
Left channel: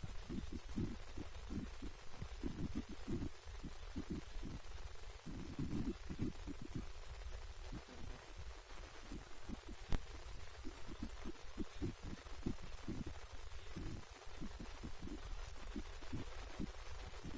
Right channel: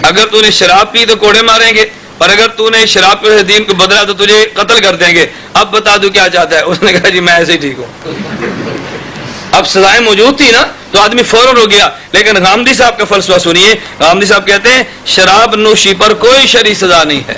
اگر تو نے شراب پی تو کوڑے ماریں گے, اور اگر تو نے شراب کے دین کو بدلا تو تجھے قتل کر دیں گے. اب بتا دو کیا چاہتا ہے. اس نے کہا جی میں ایسے ہی ٹھیک ہوں. اب سزائیں موجود تھی نا تو آدمی فوراً ہو گیا. لیکن غامدی صاحب کا فلسفہ سنیے. غامدی صاحب کہتے ہیں شراب نوشی پر کوئی شرعی سزا نہیں ہے,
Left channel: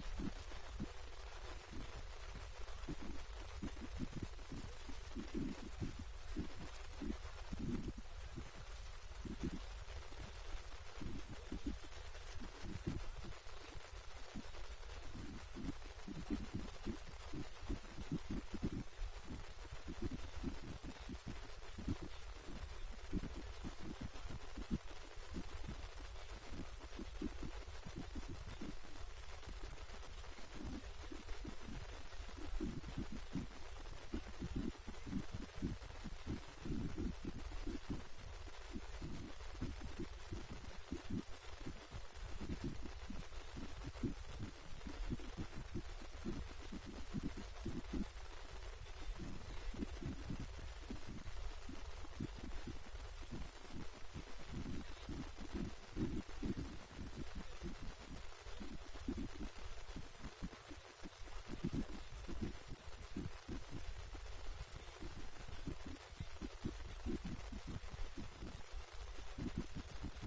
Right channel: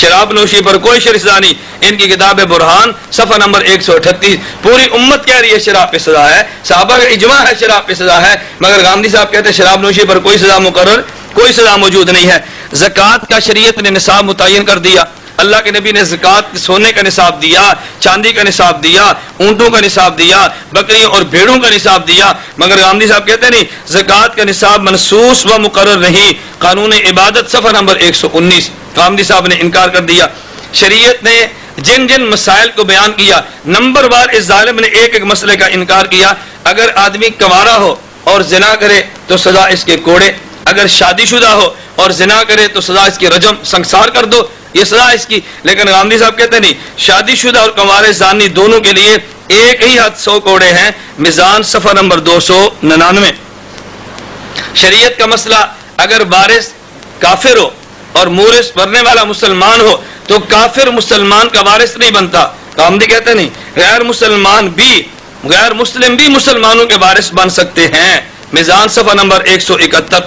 شراب نوشی پر کوئی شرعی سزا نہیں. ان کی کتاب برہان صفحہ نمبر 138. پوری امت کہہ رہی ہے شراب پہ سزا ہے, صحابہ کا اجماع ہے شراب پہ سزا ہے, مگر غامدی صاحب کہتے ہیں شراب نوشی پر کوئی سزا مقرر, کوئی سزا موجود نہیں ہے. زکوٰۃ کا شریعت نے نصاب متعین کر دیا. اللہ کے نبی نے زکوٰۃ سونے کا نصاب دیا, چاندی کا نصاب دیا, اونٹوں کا نصاب دیا, بکریوں اور بھیڑوں کا نصاب دیا. مگر غامدی صاحب کہتے ہیں نہیں, زکوٰۃ کا نصاب منصوص و مقرر نہیں. قانون عبادت صفحہ نمبر 119. غامدی صاحب نے انکار کر دیا. شریعت نے جن جن مسائل کو بیان کیا, نمبر وار اس ظالم نے ایک ایک مسئلے کا انکار کیا. اگر آدمی کنوارا ہو اور زنا کرے تو سزا اس کے کوڑے, اگر شادی شدہ ہو اور زنا کرے تو سزا اس کی رجم, سنسار کر دو, یہ سزا اس کی. لیکن غامدی صاحب کہتے ہیں نہیں, شادی شدہ اور کنوارے زانی دونوں کے لیے ایک ہی حد 100 کوڑے ہیں. میزان صفحہ نمبر 299. شریعت کا مسئلہ, اگر وارث کافر ہو اور مورث مرنے والا مسلمان ہو تو کافر مسلمان کا وارث نہیں بنتا. غامدی کہتے نہیں, غیر مسلم بھی مسلمانوں کے وارث بن سکتے ہیں. میزان صفحہ نمبر 171.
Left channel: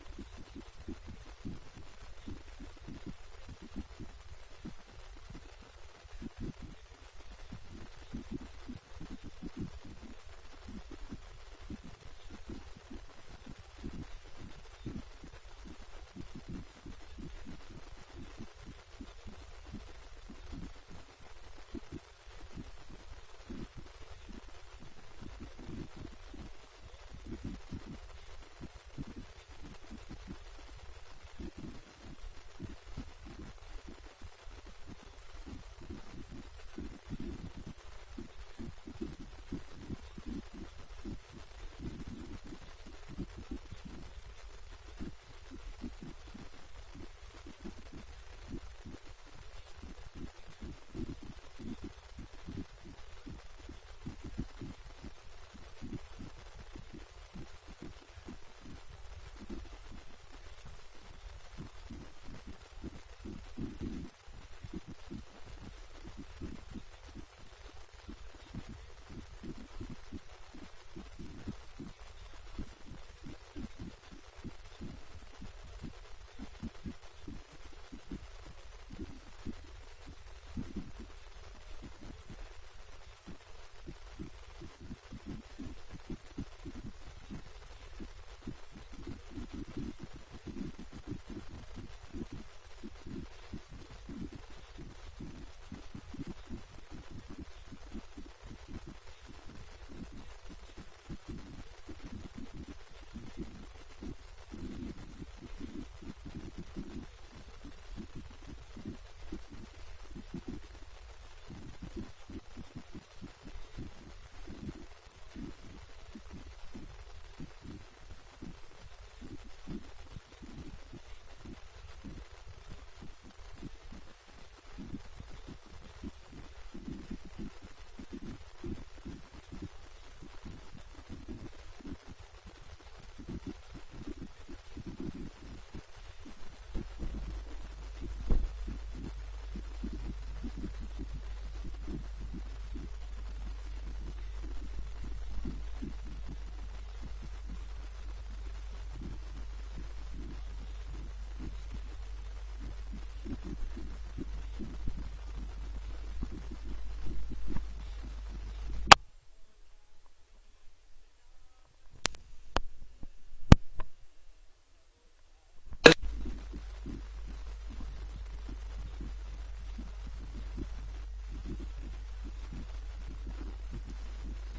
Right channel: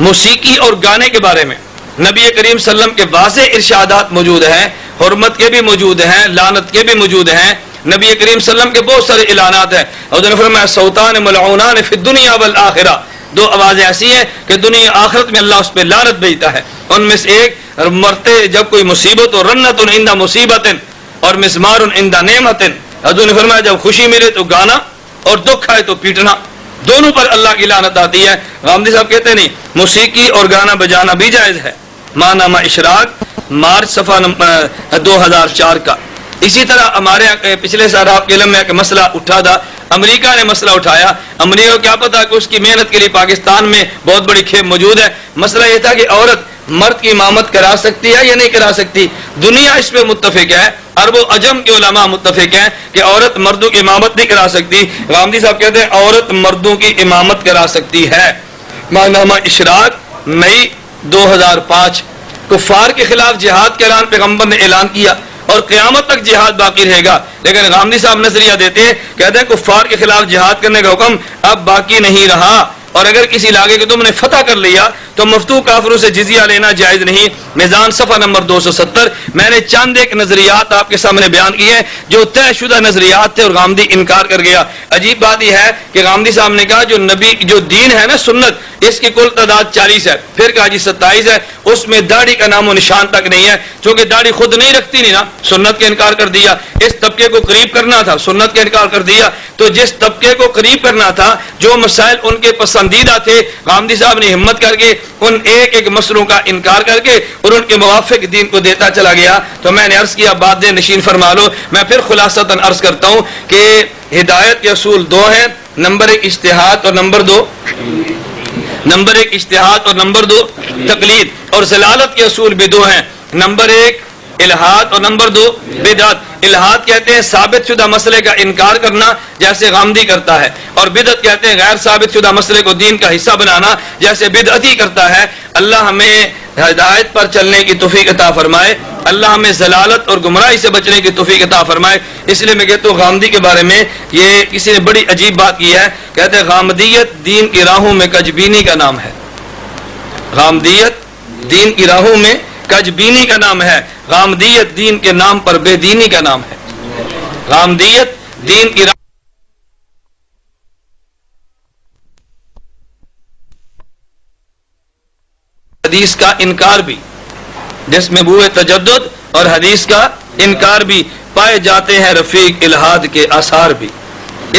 موسیقی اور گانے کے بارے میں نبی کریم صلی اللہ علیہ وسلم کے واضح ارشادات موجود ہیں, حرمت کے بھی موجود ہیں, لعنت کے بھی موجود ہیں. نبی کریم صلی اللہ علیہ وسلم کے بہت سارے اعلانات ہیں. اور انہوں نے فرمایا صوتان ملعونان فی الدنیا والآخرہ, 2 آوازیں ایسی ہیں کہ دنیا آخرت میں اللہ اس پہ لعنت بھیجتا ہے. ان میں سے ایک مرتے جب کوئی مصیبت ہو, رنت عند مصیبت اور مسمار عند نعمت. حضور نے فرمایا جب خوشی ملے تو گانا اور دکھ آئے تو پیٹنا, دونوں پر اللہ کی لعنت آتی ہے. غامدی صاحب کہتے ہیں نہیں, موسیقی اور گانا بجانا بھی جائز ہے. ماہنامہ اشراق مارچ صفحہ 2004 کا. اسی طرح ہمارے پچھلے سال آپ کے علم میں ایک مسئلہ اٹھا تھا, امریکہ نے مسئلہ اٹھایا. امریکہ کو کیا پتا کہ اس کی محنت کے لیے پاکستان میں بہت بڑی کھیپ موجود ہے. مسئلہ یہ تھا کہ عورت مرد کی امامت کرا سکتی ہے یا نہیں کرا سکتی. دنیا اس پہ متفق ہے, عرب و عجم کے علماء متفق ہیں کہ عورت مردوں کی امامت نہیں کرا سکتی. غامدی صاحب کہتے ہیں عورت مردوں کی امامت کرا سکتی ہے. ماہنامہ اشراق مئی 2005. کفار کے خلاف جہاد کا اعلان پیغمبر نے اعلان کیا اور قیامت تک جہاد باقی رہے گا. لیکن غامدی صاحب نظریہ دیتے ہیں, کہتے ہیں کفار کے خلاف جہاد کرنے کا حکم اب باقی نہیں رہا. اور اگر کسی علاقے کو تم نے فتح کر لیا تو مفتوح کافروں سے جزیہ لینا جائز نہیں۔ میزان صفحہ نمبر 270۔ میں نے چند ایک نظریات آپ کے سامنے بیان کیے ہیں جو طے شدہ نظریات تھے اور غامدی انکار کر گیا۔ عجیب بات یہ ہے کہ غامدی صاحب نے کہا جو نبی جو دین ہے نا سنت، اس کی کل تعداد 40 ہے، پھر کہا جی 27 ہے، اس میں داڑھی کا نام و نشان تک نہیں ہے، چونکہ داڑھی خود نہیں رکھتی نہیں نا، سنت کا انکار کر دیا۔ اس طبقے کو قریب کرنا تھا، سنت کا انکار کر دیا۔ تو جس طبقے کو قریب کرنا تھا، جو مسائل ان کے پسندیدہ تھے، غامدی صاحب نے ہمت کر کے ان ایک ایک مسئلوں کا انکار کر کے اور ان کے موافق دین کو دیتا چلا گیا۔ تو میں نے عرض کیا بات دے نشین فرما لو۔ میں پھر خلاصتاً عرض کرتا ہوں کہ ہدایت کے اصول دو ہیں، نمبر 1 اجتہاد اور نمبر 2 تقلید، اور ضلالت کے اصول بھی دو ہیں، نمبر 1 الہاد اور نمبر 2 بدعت۔ الہاد کہتے ہیں ثابت شدہ مسئلے کا انکار کرنا جیسے غامدی کرتا ہے، اور بدعت کہتے ہیں غیر ثابت شدہ مسئلے کو دین کا حصہ بنانا جیسے بدعتی کرتا ہے۔ اللہ ہمیں ہدایت پر چلنے کی توفیق عطا فرمائے، اللہ ہمیں ضلالت اور گمراہی سے بچنے کی توفیق عطا فرمائے۔ اس لیے میں کہتا ہوں غامدی کے بارے میں یہ کسی نے بڑی عجیب بات کی ہے، کہتے ہیں غامدیت دین کی راہوں میں کجبینی کا نام ہے۔ غامدیت دین کی راہوں میں کجبینی کا نام ہے، غامدیت دین کے نام پر بے دینی کا نام ہے۔ غامدیت دین کی حدیث کا انکار بھی، جس میں بوئے تجدد اور حدیث کا انکار بھی، پائے جاتے ہیں رفیق الہاد کے آثار بھی،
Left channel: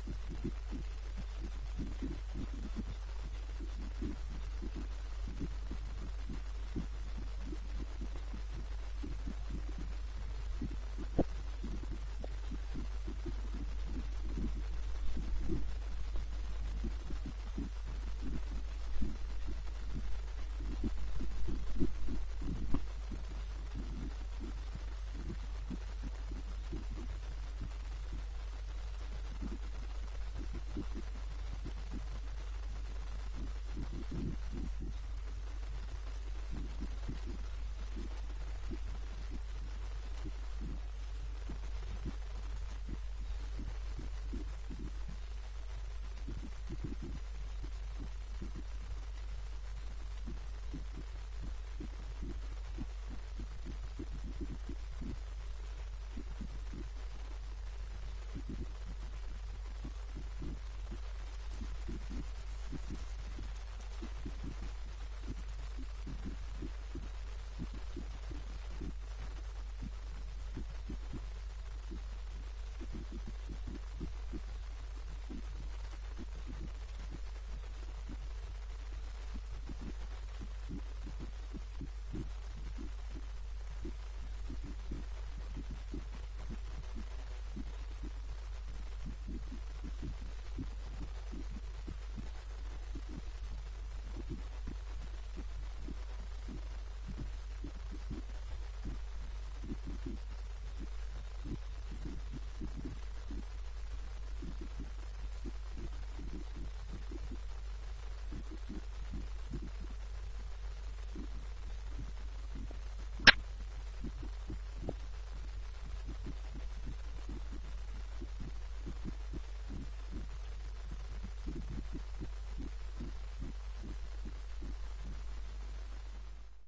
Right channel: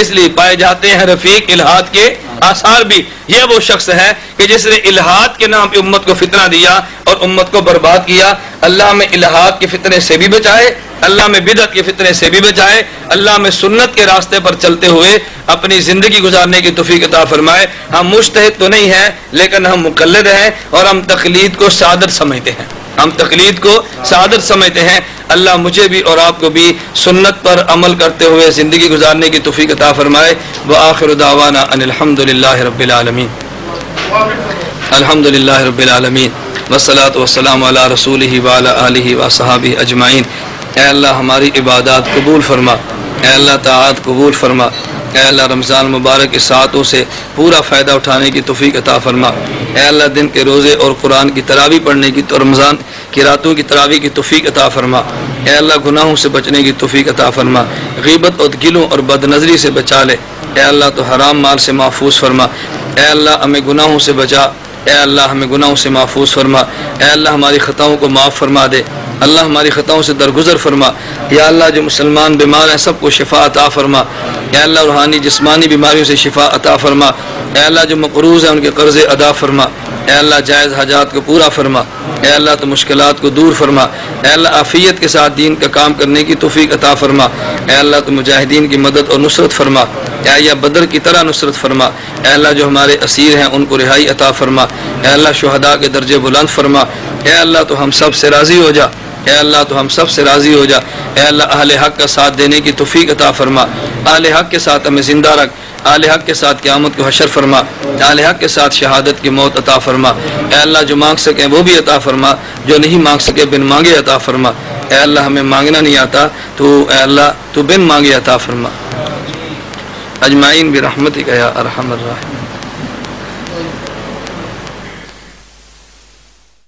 اس لیے پائے جاتے ہیں رفیق الہاد کے آثار بھی۔ یہ وہ شخص ہے کہ جس نے الہاد کے نام پہ امت کو فتنہ دیا اور امت کو برباد کیا۔ اللہ میں الہاد کے فتنے سے بھی بچائے، اللہ میں بدعت کے فتنے سے بھی بچائے، اللہ میں سنت کے راستے پر چلتے ہوئے اپنی زندگی گزارنے کی توفیق عطا فرمائے۔ ہم مجتہد تو نہیں ہیں لیکن ہم مقلد ہیں، اور ہم تقلید کو سعادت سمجھتے ہیں، ہم تقلید کو سعادت سمجھتے ہیں۔ اللہ مجھے بھی اور آپ کو بھی سنت پر عمل کرتے ہوئے زندگی گزارنے کی توفیق عطا فرمائے۔ وآخر دعوانا ان الحمدللہ رب العالمین، الحمدللہ رب العالمین، والصلاة والسلام علی رسولہ وعلی آلہ وصحابہ اجمعین۔ اے اللہ ہماری عبادات قبول فرما، اے اللہ طاعات قبول فرما، اے اللہ رمضان مبارک کے ساعتوں سے پورا فائدہ اٹھانے کی توفیق عطا فرما، اے اللہ دن کے روزے اور قرآن کی تراویح پڑھنے کی اور رمضان کی راتوں کی تراویح کی توفیق عطا فرما، اے اللہ گناہوں سے بچنے کی توفیق عطا فرما، غیبت اور گلوں اور بد نظری سے بچا لے، اے اللہ تو حرام مال سے محفوظ فرما، اے اللہ ہمیں گناہوں سے بچا، اے اللہ ہمیں گناہوں سے محفوظ فرما، اے اللہ ہماری خطاؤں کو معاف فرما دے، اللہ ہماری خطاؤں سے درگزر فرما، یا اللہ جو مسلمان بیمار ہیں سب کو شفا عطا فرما، اے اللہ روحانی جسمانی بیماریوں سے شفا عطا فرما، اے اللہ جو مقروض ہیں ان کے قرض ادا فرما، اے اللہ جائز حاجات کو پورا فرما، اے اللہ تو مشکلات کو دور فرما، اے اللہ عافیت کے ساتھ دین کا کام کرنے کی توفیق عطا فرما، اے اللہ تو مجاہدین کی مدد اور نصرت فرما، اے اللہ بدر کی طرح نصرت فرما، اے اللہ جو ہمارے اسیر ہیں ان کو رہائی عطا فرما، اے اللہ شہداء کے درجے بلند فرما، اے اللہ تو ہم سب سے راضی ہو جا، اے اللہ تو ہم سب سے راضی ہو جا، اے اللہ اہل حق کا ساتھ دینے کی توفیق عطا فرما، اہل حق کے ساتھ ہمیں زندہ رکھ، اہل حق کے ساتھ قیامت کو حشر فرما، اہل حق کے ساتھ شہادت کی موت عطا فرما، اے اللہ جو مانگ سکیں وہ بھی عطا فرما، جو نہیں مانگ سکے بن مانگے عطا فرما، اے اللہ ہمیں مانگنا نہیں آتا تو اے اللہ تو بن مانگے عطا فرما، اجمعین برحمتک یا ارحم الراحمین۔